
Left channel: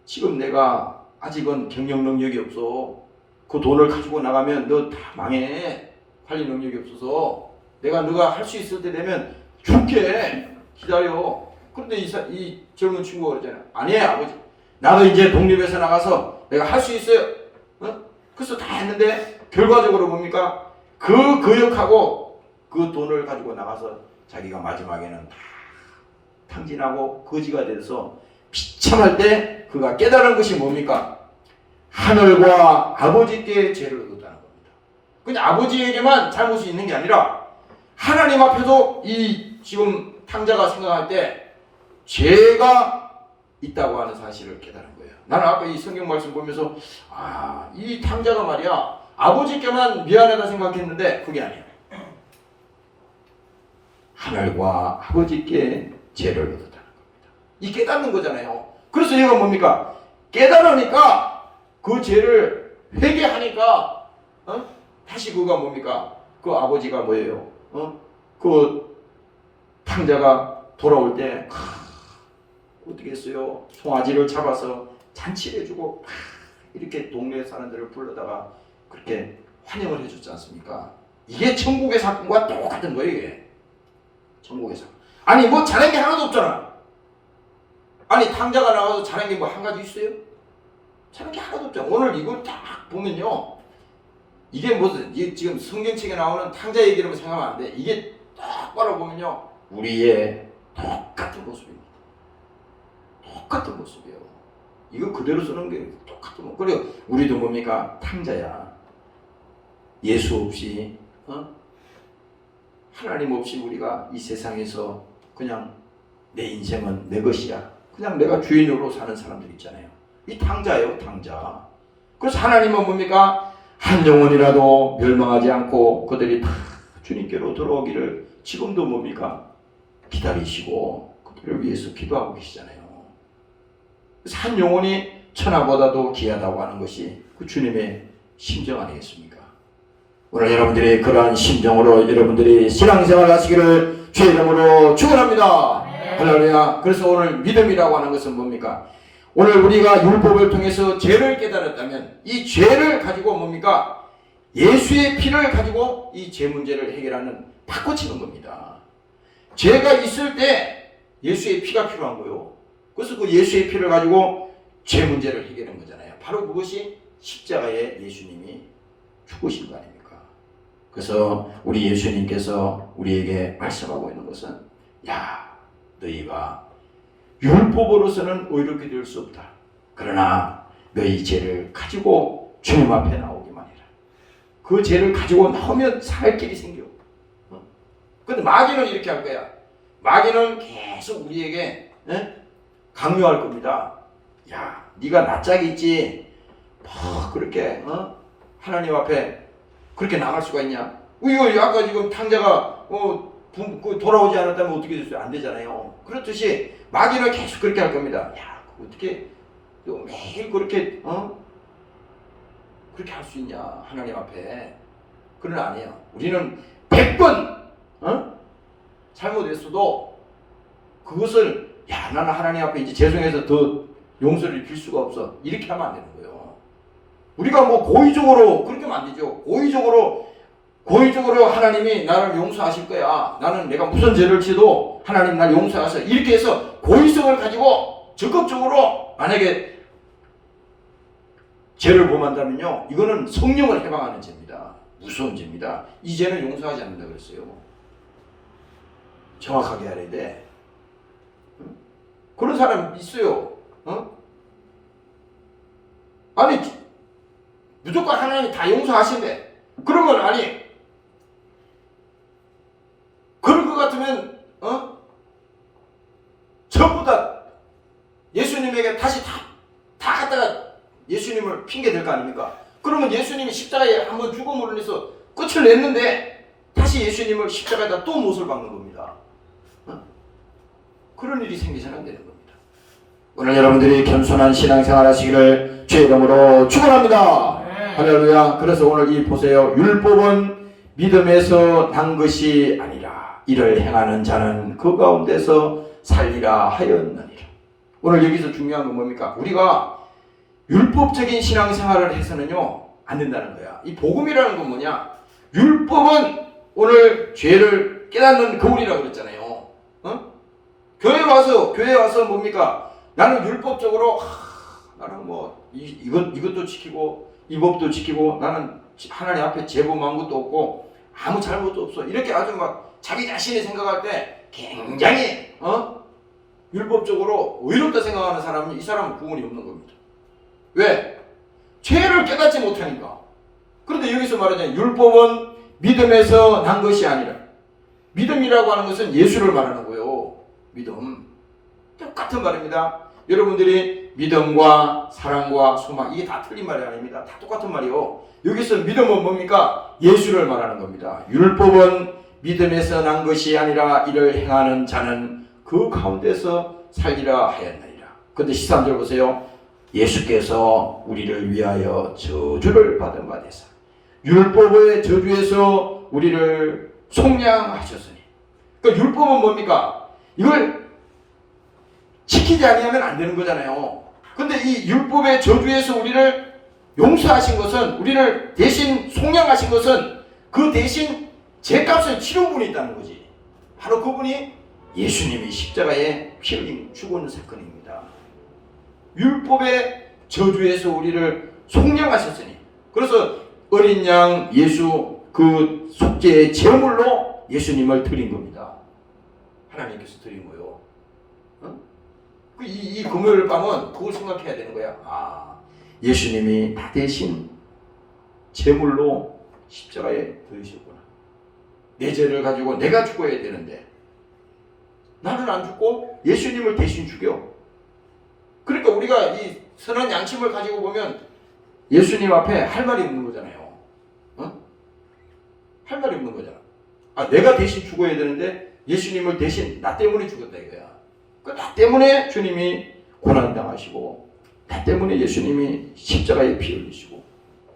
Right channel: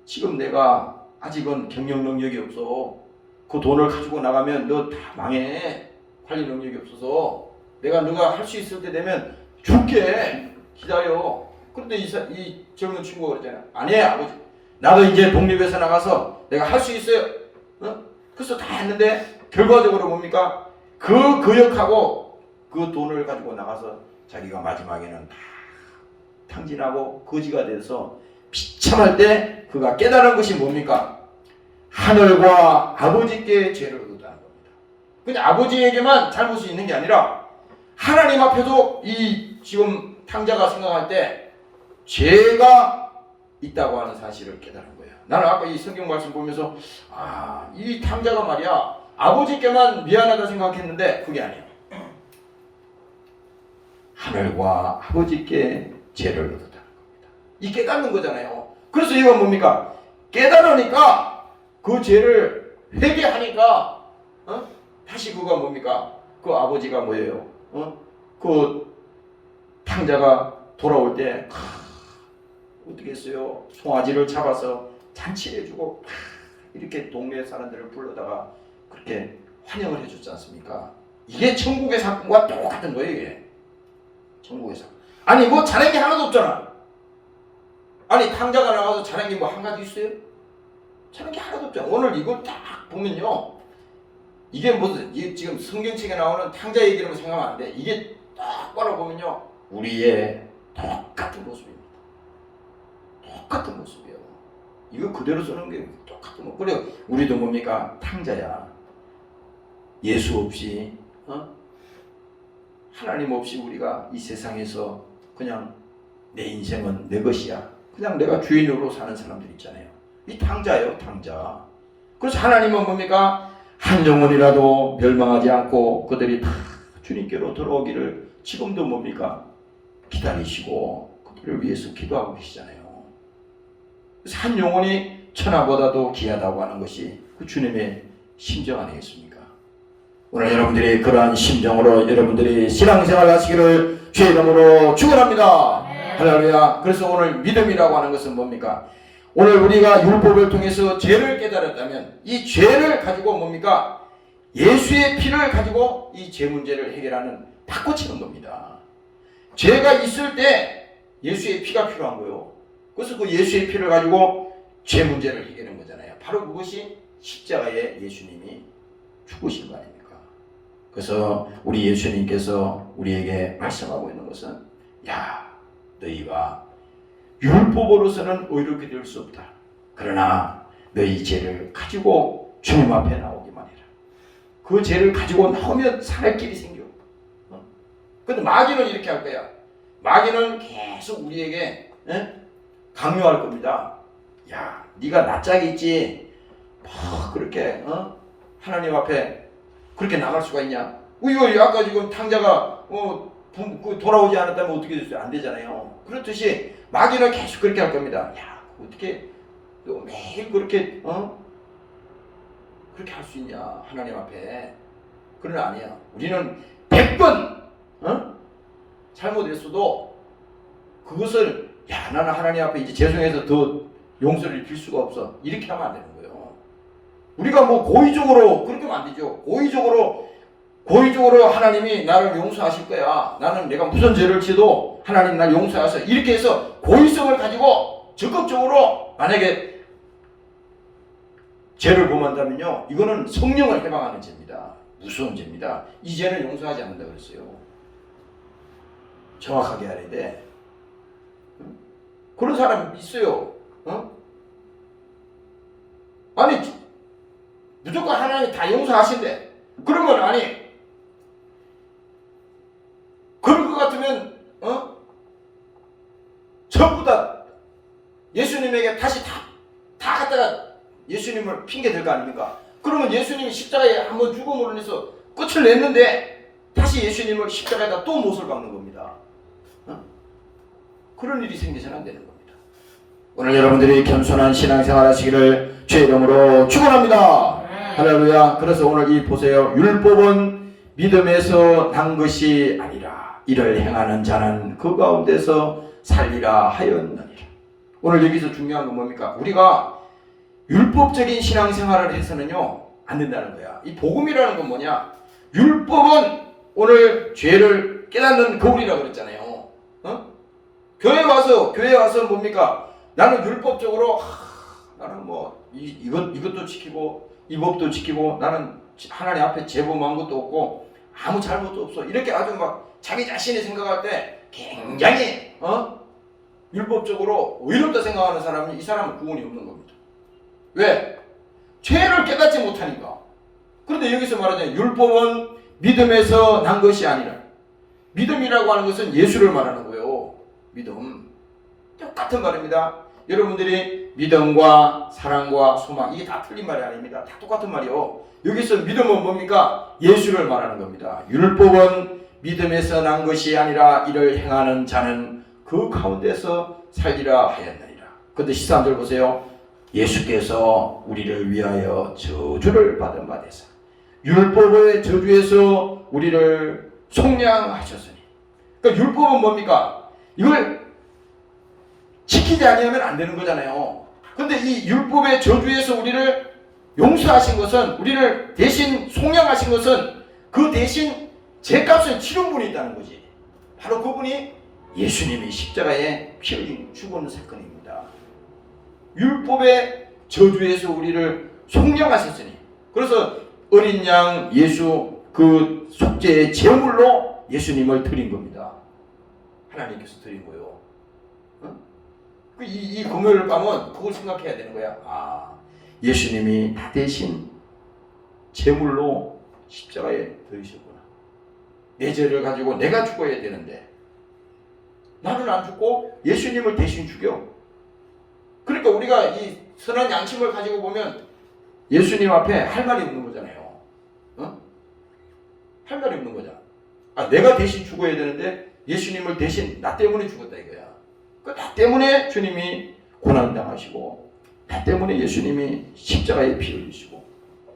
지금 내가 아직은 경영 능력이 없어. 그 돈을 가지고 나가면 너 다 망해. 관리 능력이 없어서 내가 너가 할 수 있을 때 되면 줄게. 기다려. 그런데 이 젊은 친구가 그러잖아요. 아니 아버지 나도 이제 독립해서 나가서 내가 할 수 있어요. 그래서 다 했는데 결과적으로 뭡니까? 그 거역하고 그 돈을 가지고 나가서 자기가 마지막에는 다 탕진하고 거지가 돼서 비참할 때 그가 깨달은 것이 뭡니까? 하늘과 아버지께 죄를 얻었다는 겁니다. 근데 아버지에게만 잘못이 있는 게 아니라 하나님 앞에도 이 지금 탕자가 생각할 때 죄가 있다고 하는 사실을 깨달은 거예요. 나는 아까 이 성경 말씀 보면서 이 탕자가 말이야 아버지께만 미안하다 생각했는데 그게 아니야. 하늘과 아버지께 죄를 얻었다는 겁니다. 이 깨닫는 거잖아요. 그래서 이건 뭡니까? 깨달으니까 그 죄를 회개하니까 다시 그가 뭡니까? 그 아버지가 뭐예요? 그 탕자가 돌아올 때 어떻게 했어요? 송아지를 잡아서 잔치를 해주고 이렇게 동네 사람들을 불러다가 그렇게 환영을 해줬지 않습니까? 이게 천국의 사건과 똑같은 거예요. 이게. 천국의 사건. 아니 뭐 잘한 게 하나도 없잖아. 아니 탕자가 나와서 잘한 게 뭐 한 가지 있어요? 잘한 게 하나도 없잖아. 오늘 이걸 딱 보면요. 이게 무슨 지금 성경책에 나오는 탕자 얘기라고 생각하면 안 돼. 이게 딱 바라보면요. 우리의 똑같은 모습입니다. 똑같은 모습이에요. 이거 그대로 쓰는 게 똑같은 모습. 그리고 우리도 뭡니까? 탕자야. 예수 없이 하나님 없이 우리가 이 세상에서 그냥 내 인생은 내 것이야. 그냥 내가 주인으로 사는 사람들 있잖아요. 이 탕자예요. 탕자. 그래서 하나님은 뭡니까? 한 영혼이라도 멸망하지 않고 그들이 다 주님께로 돌아오기를 지금도 뭡니까? 기다리시고 그들을 위해서 기도하고 계시잖아요. 그래서 한 영혼이 천하보다도 귀하다고 하는 것이 그 주님의 심정 아니겠습니까? 오늘 여러분들이 그러한 심정으로 여러분들이 신앙생활 하시기를 주의 이름으로 축원합니다. 할렐루야. 그래서 오늘 믿음이라고 하는 것은 뭡니까? 오늘 우리가 율법을 통해서 죄를 깨달았다면 이 죄를 가지고 뭡니까? 예수의 피를 가지고 이 죄 문제를 해결하는 바꿔치는 겁니다. 죄가 있을 때 예수의 피가 필요한 거예요. 그래서 그 예수의 피를 가지고 죄 문제를 해결한 거잖아요. 바로 그것이 십자가에 예수님이 죽으신 거 아닙니까? 그래서 우리 예수님께서 우리에게 말씀하고 있는 것은 너희가 율법으로서는 의롭게 될 수 없다. 그러나 너희 죄를 가지고 주님 앞에 나오기만 해라. 그 죄를 가지고 나오면 살 길이 생겨. 근데 마귀는 이렇게 할 거야. 마귀는 계속 우리에게 강요할 겁니다. 네가 낯짝이 있지. 그렇게 하나님 앞에 그렇게 나갈 수가 있냐? 이거 아까 지금 탕자가 돌아오지 않았다면 어떻게 됐어요? 안 되잖아요. 그렇듯이 마귀는 계속 그렇게 할 겁니다. 어떻게 너 매일 그렇게 그렇게 할 수 있냐? 하나님 앞에. 그러나 아니에요. 우리는 100번 잘못했어도 그것을 나는 하나님 앞에 이제 죄송해서 더 용서를 빌 수가 없어. 이렇게 하면 안 되는 거예요. 우리가 뭐 고의적으로 그렇게 하면 안 되죠. 고의적으로 하나님이 나를 용서하실 거야. 나는 내가 무슨 죄를 지어도 하나님 날 용서하셔. 이렇게 해서 고의성을 가지고 적극적으로 만약에 죄를 범한다면요. 이거는 성령을 해방하는 죄입니다. 무서운 죄입니다. 이 죄는 용서하지 않는다 그랬어요. 정확하게 알아야 돼. 그런 사람 있어요. 아니 무조건 하나님이 다 용서하신대. 그러면 아니 그럴 것 같으면 전부 다 예수님에게 다시 다 갖다가 예수님을 핑계 댈 거 아닙니까? 그러면 예수님이 십자가에 한번 죽음으로 인해서 끝을 냈는데 다시 예수님을 십자가에다 또 못을 박는 겁니다. 그런 일이 생기서는 안 되는 겁니다. 오늘 여러분들이 겸손한 신앙생활 하시기를 주의 이름으로 축원합니다. 할렐루야. 그래서 오늘 이 보세요. 율법은 믿음에서 난 것이 아니라 이를 행하는 자는 그 가운데서 살리라 하였느니라. 오늘 여기서 중요한 건 뭡니까? 우리가 율법적인 신앙생활을 해서는요 안 된다는 거야. 이 복음이라는 건 뭐냐? 율법은 오늘 죄를 깨닫는 거울이라고 그랬잖아요. 교회 와서 뭡니까? 나는 율법적으로 나는 뭐 이것도 지키고 이 법도 지키고 나는 하나님 앞에 제범한 것도 없고 아무 잘못도 없어. 이렇게 아주 막 자기 자신이 생각할 때 굉장히 율법적으로 의롭다 생각하는 사람이 이 사람은 구원이 없는 겁니다. 왜? 죄를 깨닫지 못하니까. 그런데 여기서 말하자면 율법은 믿음에서 난 것이 아니라 믿음이라고 하는 것은 예수를 말하는 거예요. 믿음. 똑같은 말입니다. 여러분들이 믿음과 사랑과 소망, 이게 다 틀린 말이 아닙니다. 다 똑같은 말이요. 여기서 믿음은 뭡니까? 예수를 말하는 겁니다. 율법은 믿음에서 난 것이 아니라 이를 행하는 자는 그 가운데서 살리라 하였느니라. 근데 13절 보세요. 예수께서 우리를 위하여 저주를 받은 바 되사 율법의 저주에서 우리를 속량하셨으니. 그러니까 율법은 뭡니까? 이걸 지키지 아니하면 안 되는 거잖아요. 근데 이 율법의 저주에서 우리를 용서하신 것은, 우리를 대신 속량하신 것은 그 대신 죄값을 치른 분이 있다는 거지. 바로 그분이 예수님이 십자가에 피 흘린 죽은 사건입니다. 율법의 저주에서 우리를 속량하셨으니. 그래서 어린 양 예수 그 속죄의 제물로 예수님을 드린 겁니다. 하나님께서 드린 거예요. 이 금요일 밤은 그걸 생각해야 되는 거야. 아, 예수님이 다 대신 제물로 십자가에 들으셨구나. 내 죄를 가지고 내가 죽어야 되는데 나는 안 죽고 예수님을 대신 죽여. 그러니까 우리가 이 선한 양심을 가지고 보면 예수님 앞에 할 말이 없는 거잖아요. 할 말이 없는 거잖아. 아, 내가 대신 죽어야 되는데 예수님을 대신 나 때문에 죽었다 이거야. 나 때문에 주님이 고난당하시고, 나 때문에 예수님이 십자가에 피 흘리시고,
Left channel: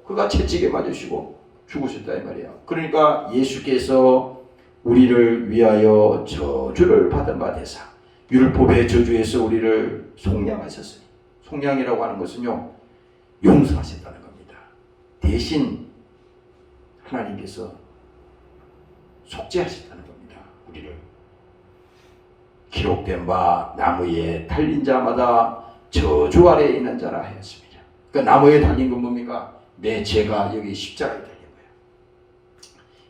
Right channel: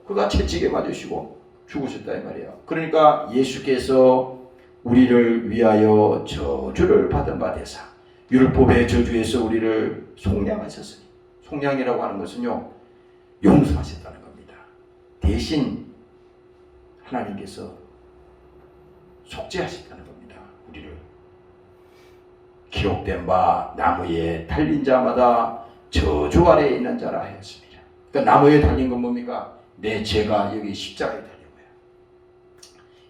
그가 채찍에 맞으시고 죽으셨다 이 말이야. 그러니까 예수께서 우리를 위하여 저주를 받은 바 되사 율법의 저주에서 우리를 속량하셨으니. 속량이라고 하는 것은요, 용서하셨다는 겁니다. 대신 하나님께서 속죄하셨다는 겁니다. 우리를. 기록된 바 나무에 달린 자마다 저주 아래에 있는 자라 하였습니다. 그러니까 나무에 달린 건 뭡니까? 내 죄가 여기 십자가에 달린 거예요.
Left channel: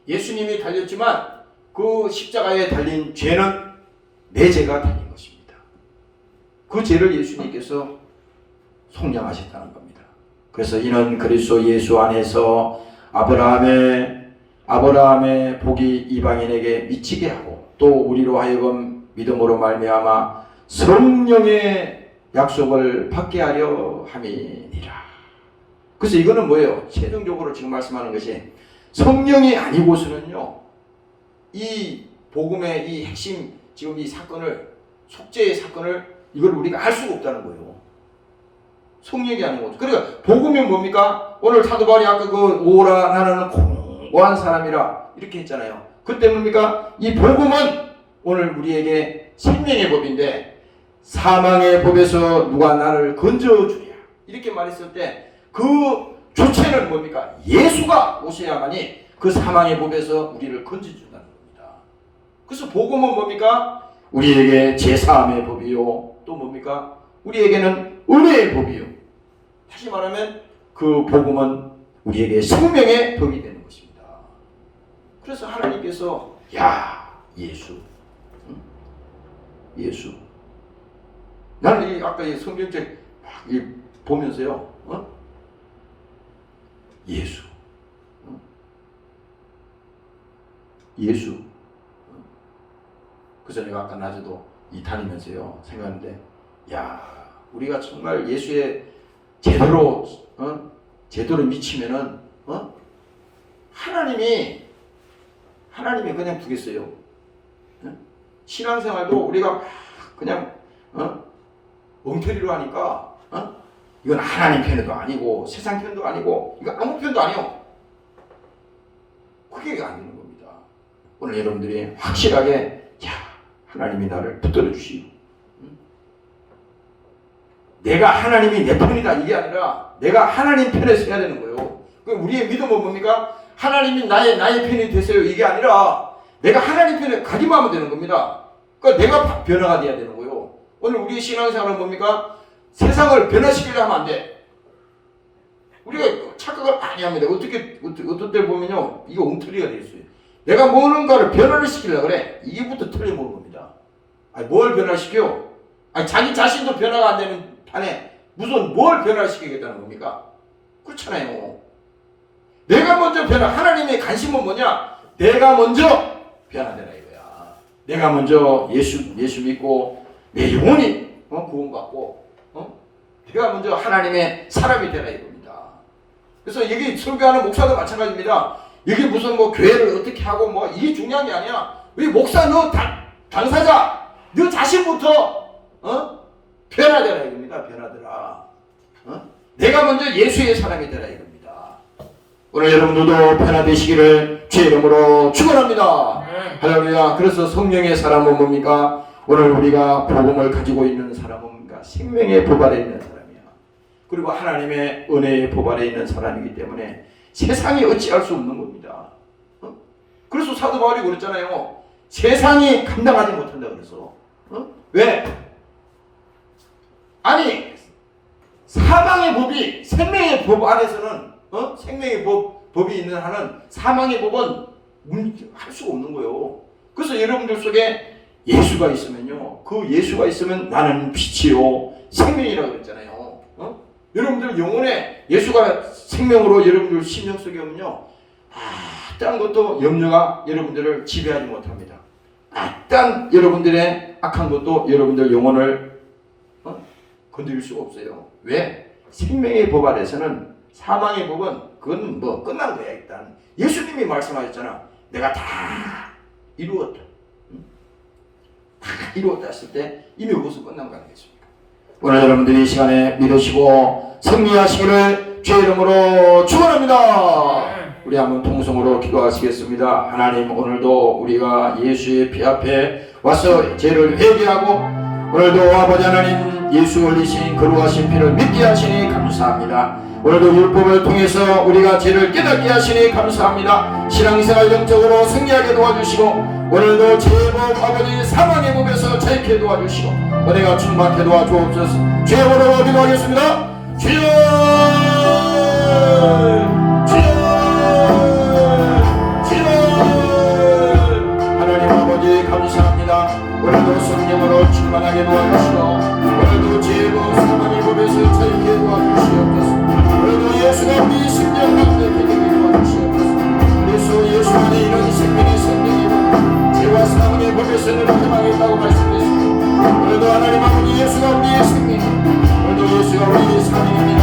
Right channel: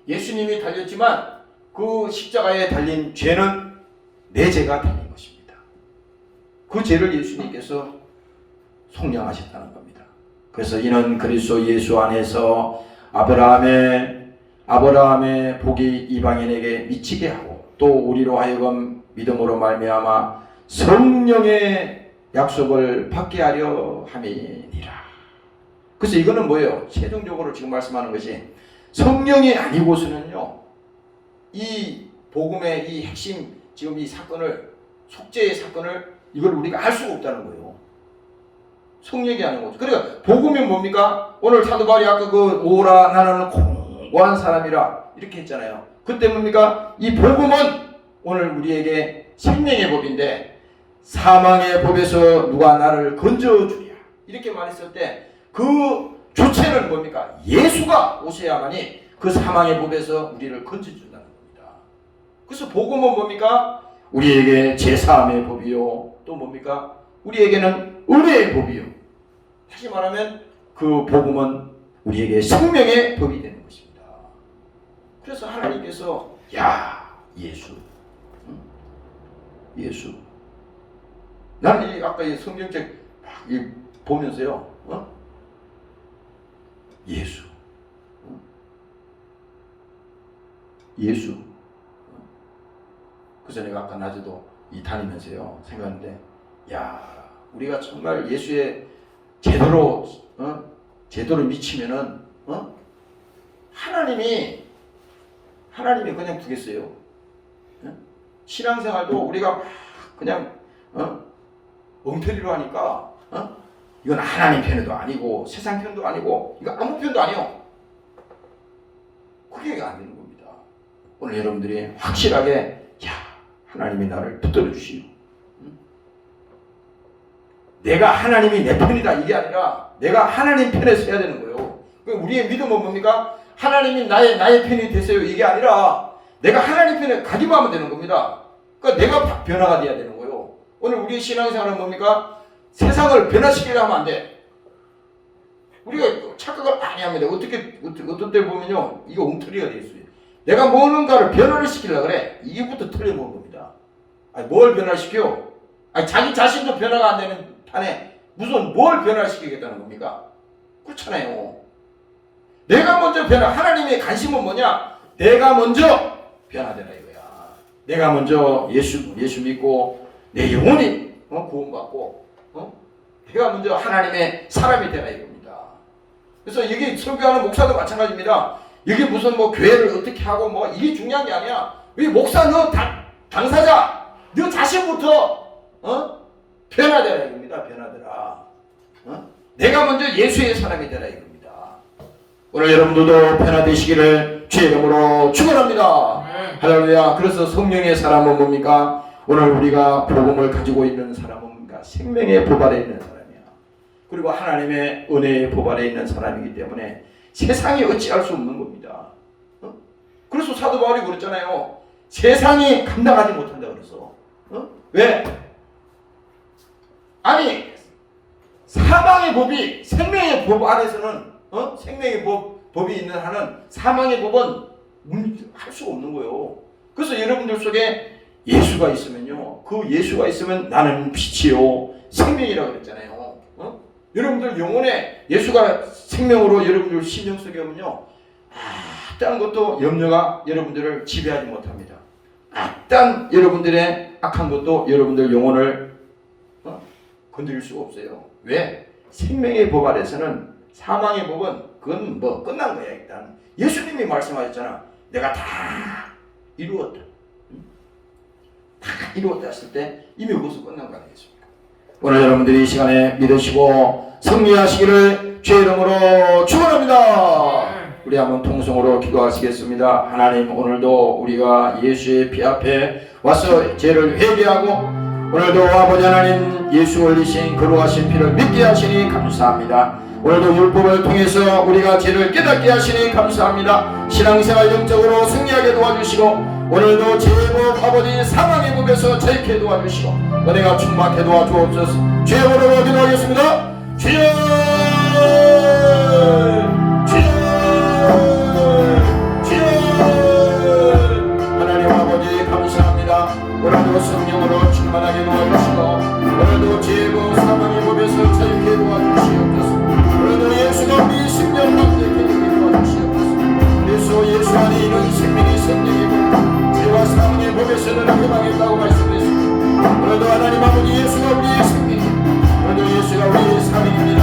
예수님이 달렸지만 그 십자가에 달린 죄는 내 죄가 달린 것입니다. 그 죄를 예수님께서 속량하셨다는 겁니다. 그래서 이는 그리스도 예수 안에서 아브라함의 복이 이방인에게 미치게 하고 또 우리로 하여금 믿음으로 말미암아 성령의 약속을 받게 하려 함이니라. 그래서 이거는 뭐예요? 최종적으로 지금 말씀하는 것이 성령이 아니고서는요, 이 복음의 이 핵심, 지금 이 사건을, 속죄의 사건을 이걸 우리가 알 수가 없다는 거예요. 성령이 아닌 거죠. 그러니까 복음이 뭡니까? 오늘 사도 바울이 아까 그 오라 나는 공고한 사람이라 이렇게 했잖아요. 그때 뭡니까? 이 복음은 오늘 우리에게 생명의 법인데 사망의 법에서 누가 나를 건져주랴 이렇게 말했을 때 그 주체는 뭡니까? 예수가 오셔야만이 그 사망의 법에서 우리를 건져준다는 겁니다. 그래서 복음은 뭡니까? 우리에게 제사함의 법이요, 또 뭡니까? 우리에게는 은혜의 법이요. 다시 말하면 그 복음은 우리에게 생명의 법이 되는 것입니다. 그래서 하나님께서 예수 나는 이 아까 이 성경책 막 보면서요, 예수. 그래서 내가 아까 낮에도 이 다니면서요 생각하는데, 우리가 정말 예수에 제대로 미치면은 하나님이 그냥 두겠어요. 신앙생활도 우리가 그냥 엉터리로 하니까 이건 하나님 편도 아니고 세상 편도 아니고 이거 아무 편도 아니요. 그게 안 되는 겁니다. 오늘 여러분들이 확실하게 하나님이 나를 붙들어 주시오. 내가 하나님이 내 편이다 이게 아니라 내가 하나님 편에 서야 되는 거예요. 우리의 믿음은 뭡니까? 하나님이 나의 편이 되세요 이게 아니라 내가 하나님 편에 가기만 하면 되는 겁니다. 그러니까 내가 변화가 돼야 되는 거예요. 오늘 우리의 신앙생활은 뭡니까? 세상을 변화시키려 하면 안 돼. 우리가 착각을 많이 합니다. 어떤 때 보면요, 이게 엉터리가 될 수 있어요. 내가 뭔가를 변화를 시키려고 그래. 이게부터 틀려먹은 겁니다. 뭘 변화시켜? 자기 자신도 변화가 안 되는 판에 무슨 뭘 변화시키겠다는 겁니까? 그렇잖아요. 내가 먼저 하나님의 관심은 뭐냐? 내가 먼저 변화되라 이거야. 내가 먼저 예수 믿고 내 영혼이 구원받고 내가 먼저 하나님의 사람이 되라 이겁니다. 그래서 여기 설교하는 목사도 마찬가지입니다. 여기 무슨 뭐 교회를 어떻게 하고 뭐 이게 중요한 게 아니야. 이 목사 너 당사자 너 자신부터 변화되라 이겁니다. 변화되라. 내가 먼저 예수의 사람이 되라 이겁니다. 오늘 여러분들도 변화되시기를 주의 이름으로 축원합니다. 할렐루야. 그래서 성령의 사람은 뭡니까? 오늘 우리가 복음을 가지고 있는 사람은 뭡니까? 생명의 법 아래 있는 사람이야. 그리고 하나님의 은혜의 법 아래 있는 사람이기 때문에 세상이 어찌할 수 없는 겁니다. 그래서 사도 바울이 그랬잖아요. 세상이 감당하지 못한다 그래서. 왜? 아니 사망의 법이 생명의 법 안에서는 생명의 법이 있는 한은 사망의 법은 할 수가 없는 거예요. 그래서 여러분들 속에 예수가 있으면요, 그 예수가 있으면 나는 빛이요 생명이라고 그랬잖아요. 여러분들 영혼에 예수가 생명으로 여러분들 심령 속에 오면요, 어떤 것도 염려가 여러분들을 지배하지 못합니다. 어떤 여러분들의 악한 것도 여러분들 영혼을 건드릴 수가 없어요. 왜? 생명의 법 아래서는 사망의 법은 그건 뭐 끝난 거야. 일단 예수님이 말씀하셨잖아. 내가 다 이루었다. 다 이루었다 했을 때 이미 그것은 끝난 거 아니겠습니까? 오늘 여러분들이 이 시간에 믿으시고 승리하시기를 주의 이름으로 축원합니다. 우리 한번 통성으로 기도하시겠습니다. 하나님, 오늘도 우리가 예수의 피 앞에 와서 죄를 회개하고 오늘도 아버지 하나님 예수 흘리신 거룩하신 피를 믿게 하시니 감사합니다. 오늘도 율법을 통해서 우리가 죄를 깨닫게 하시니 감사합니다. 신앙생활 영적으로 승리하게 도와주시고 오늘도 죄의 법 아버지 사망의 법에서 자유케 도와주시고 은혜가 충만케 도와주옵소서. 주의 이름으로 기도하겠습니다. 주여, 주여, 주여. 하나님 아버지 감사합니다. 오늘도 성령으로 충만하게 도와주시고 오늘도 죄의 법 사망의 법에서 자유케 도와주시옵소서. 오늘도 예수가 우리 10년 남게 되게 도와주시옵소서. 예수 안에 있는 생명이 성령이고 죄와 사망의 법에서는 해방했다고 말씀하셨습니다. 오늘도 하나님 아버지 예수가 우리의 생명이고 오늘도 예수가 우리의 사명입니다.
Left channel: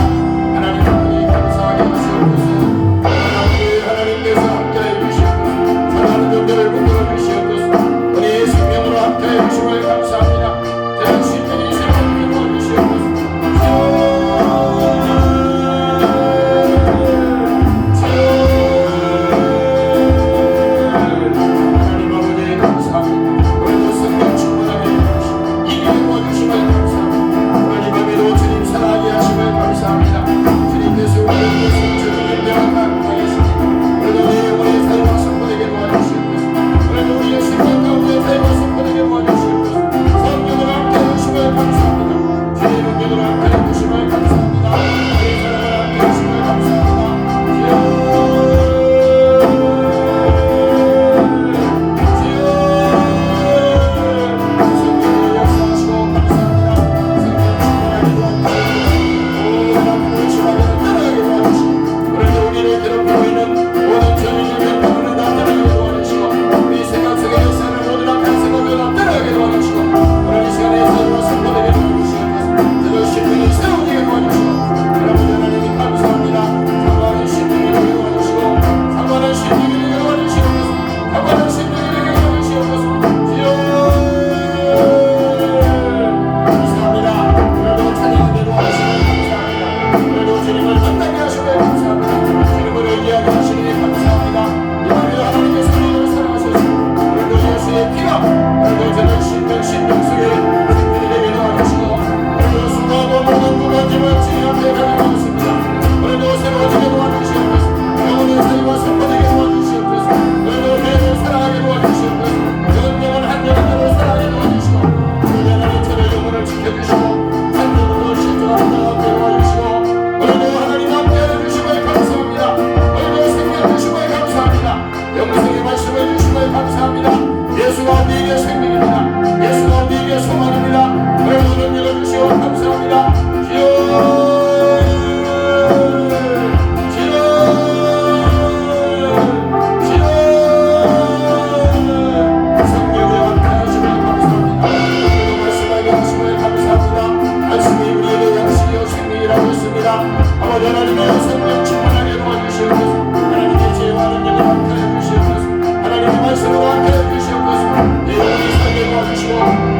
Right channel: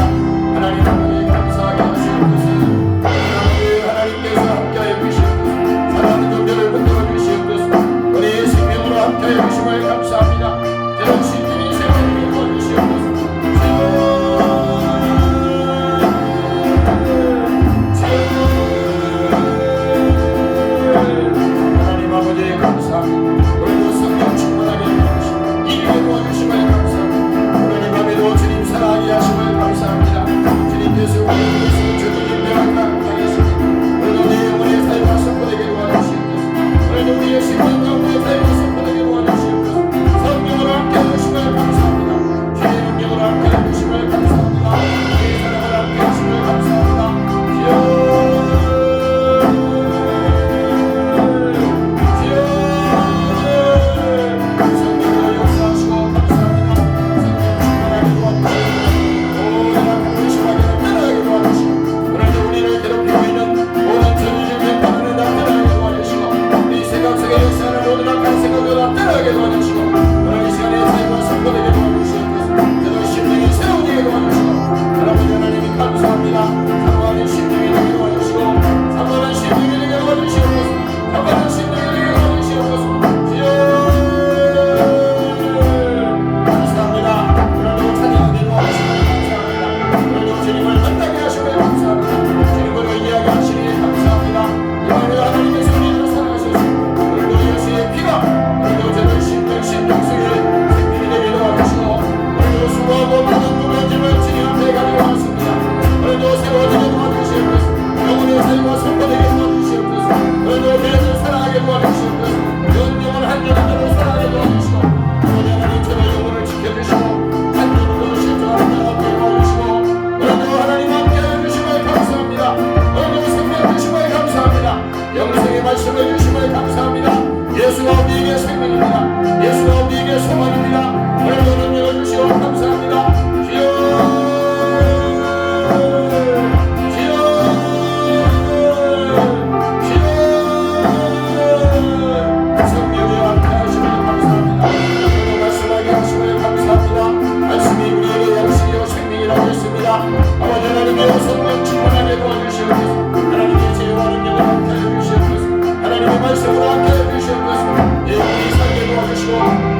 하나님의 성령 충만하게 도와주시옵소서. 하나님의 지혜와 능력을 함께하여 주시옵소서. 하나님의 말씀을 함께하여 주시옵소서. 내 영혼이 살게 도와주시고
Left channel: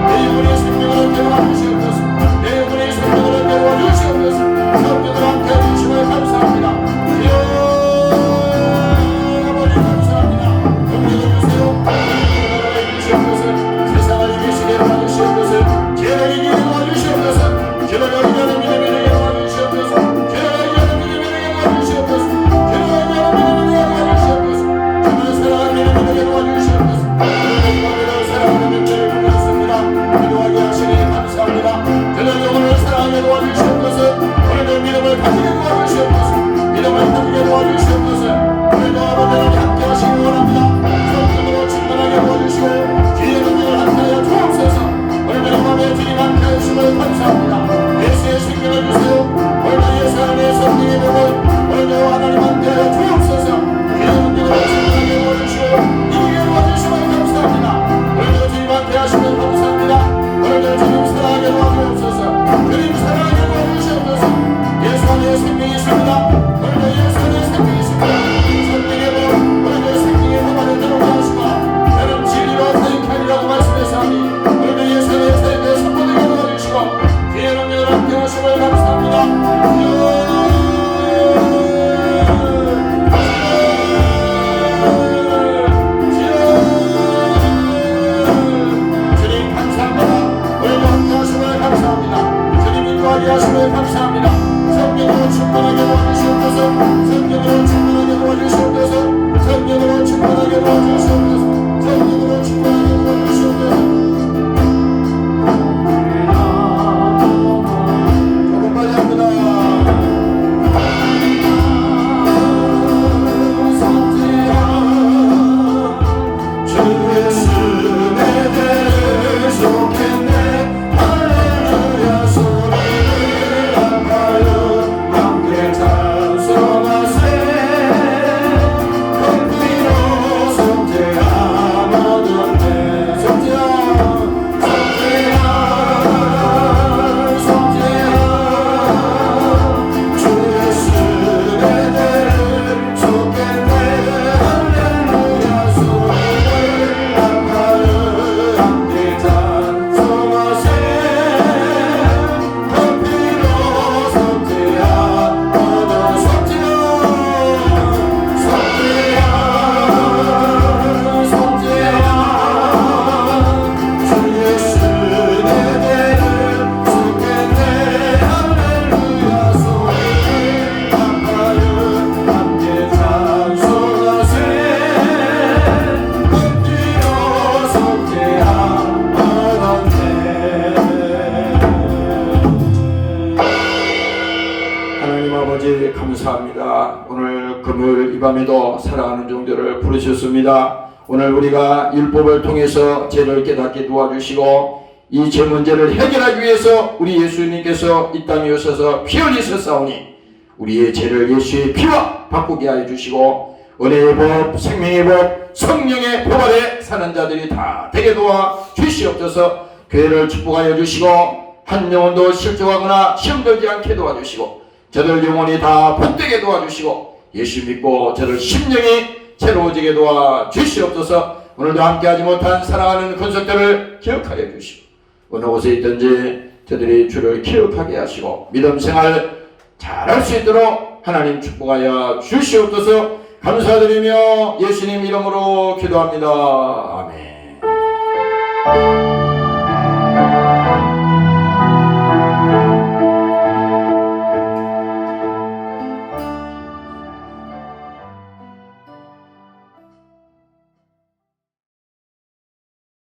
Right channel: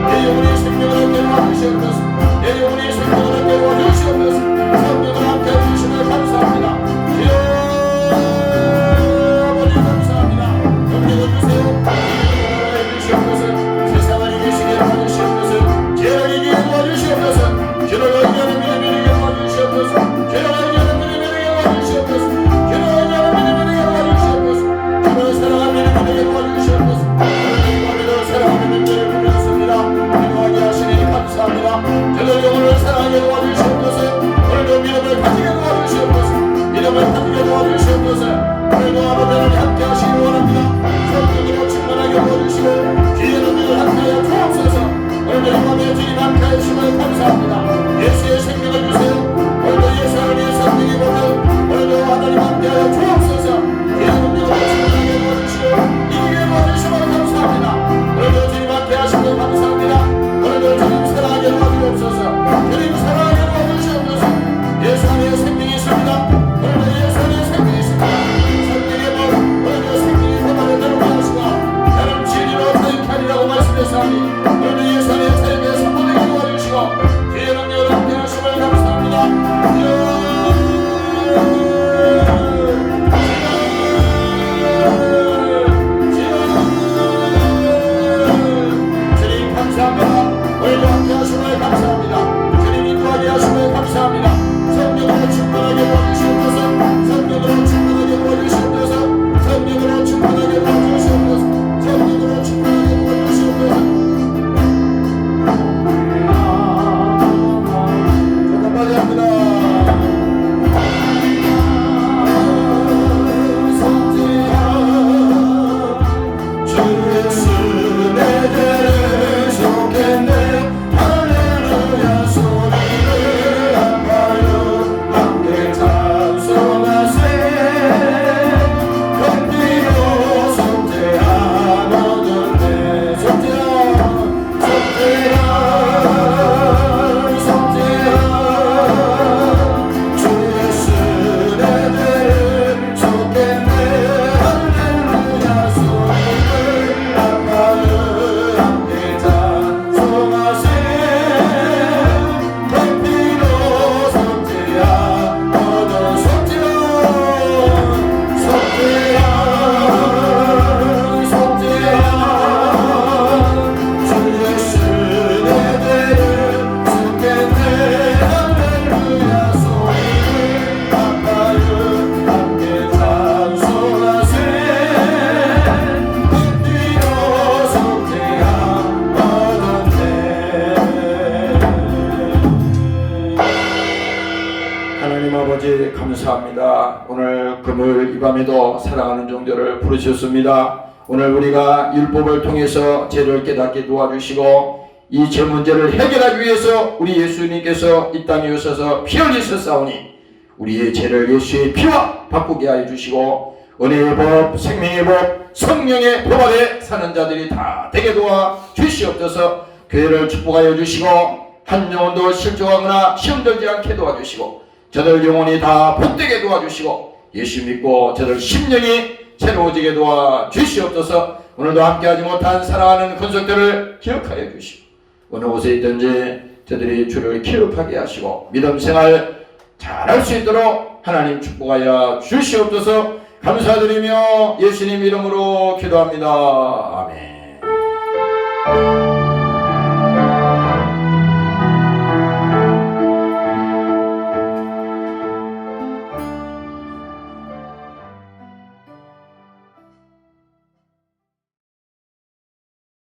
내 영혼이 생명을 함께 도와주시옵소서. 내 영혼이 생명을 함께 도와주시옵소서. 성령을 함께하여 주시면 감사합니다. 아버지 감사합니다. 영광을 주세요. 하나님의 주시옵소서. 세상을 이기시게 도와주시옵소서. 죄를 이기게 도와주시옵소서. 죄를 이기는 믿음을 이기게 도와주시옵소서. 죄를 이기는 믿음을 이기게 도와주시옵소서. 죄를 이기는 믿음을 이기게 도와주시옵소서. 주를 사랑하는 믿음을 이기게 도와주시옵소서. 하나님을 사랑하는 믿음을 부르셨습니다. 기도하게 하시니 감사합니다. 저를 영혼을 사랑하게 도와주시옵소서. 오늘도 믿음을 가지게 도와주시옵소서. 믿음을 가지게 도와주시옵소서. 오늘도 아버지를 함께 하시기 원합니다. 성령으로 충만하게 도와주시고 귀의 능력을 함께하여 주옵소서. 오늘도 이 밤에 주님 함께 하심을 감사합니다. 예수의 생명을 주세요. 오늘도 예수 안에 성령의 복을 오늘도 하나님 함께하여 주옵소서. 귀의 능력으로 충만하게 도와주시고 이기게 도와주시면 감사합니다. 오늘도 주님 함께 하심을 감사합니다. 오늘도 주님 사랑하게 도와주옵소서. 주님 사랑하게 도와주시옵소서. 예수 안에 생명이 있습니다. 오늘도 예수 안에 생명이 있습니다. 성령의 복 오늘도 생명의 복 안에 들어오게 하시고 나는 진리로 사역하게 하리라고 말씀하셨으니 오늘도 예수 안에 사역에 선포되게 도와주시고 주의 능력을 함께 하심을 감사합니다. 주님 감사합니다. 오늘도 함께 하심을 감사합니다. 주님 인도하게 하심을 감사합니다. 성령으로 충만하게 도와주시옵소서. 성령으로 충만하게 도와주시옵소서. 성령으로 충만하게 도와주시옵소서. 성령으로 충만하게 도와주시옵소서. 조금만 합니다. 주의 스내 들을 속했네. 할렐루야 소리를 아파요 함께 찬송하세. 건비로 속죄함 얻었네. 속죄함 주의 스내 들을 속했네. 할렐루야 소리를 아파요 함께 찬송하세. 건비로 속죄함 얻어 주의 스내 들을 속했네. 할렐루야 소리를 아파요 함께 찬송하세. 건비로 속죄함 얻었네. 하나님 아버지 감사합니다. 오늘 금요일 이 밤에도 사랑하는 종들을 부르셨습니다. 오늘 우리가 율법을 통해서 죄를 깨닫게 도와주시고 이 죄 문제를 해결하기 위해서 우리 예수님께서 이 땅에 오셔서 피 흘리셨사오니 우리의 죄를 예수의 피와 바꾸게 하여 주시고 은혜의 법, 생명의 법, 성령의 법 아래 사는 자들이 다 되게 도와 주시옵소서. 교회를 축복하여 주시고 한 영혼도 실족하거나 시험들지 않게 도와주시고 저들 영혼이 다 번되게 도와주시고 예수 믿고 저들 심령이 새로워지게 도와주시옵소서. 오늘도 함께하지 못한 사랑하는 권속들을 기억하여 주시고 어느 곳에 있든지 저들이 주를 기억하게 하시고 믿음 생활 잘할 수 있도록 하나님 축복하여 주시옵소서. 감사드리며 예수님 이름으로 기도합니다. 아멘.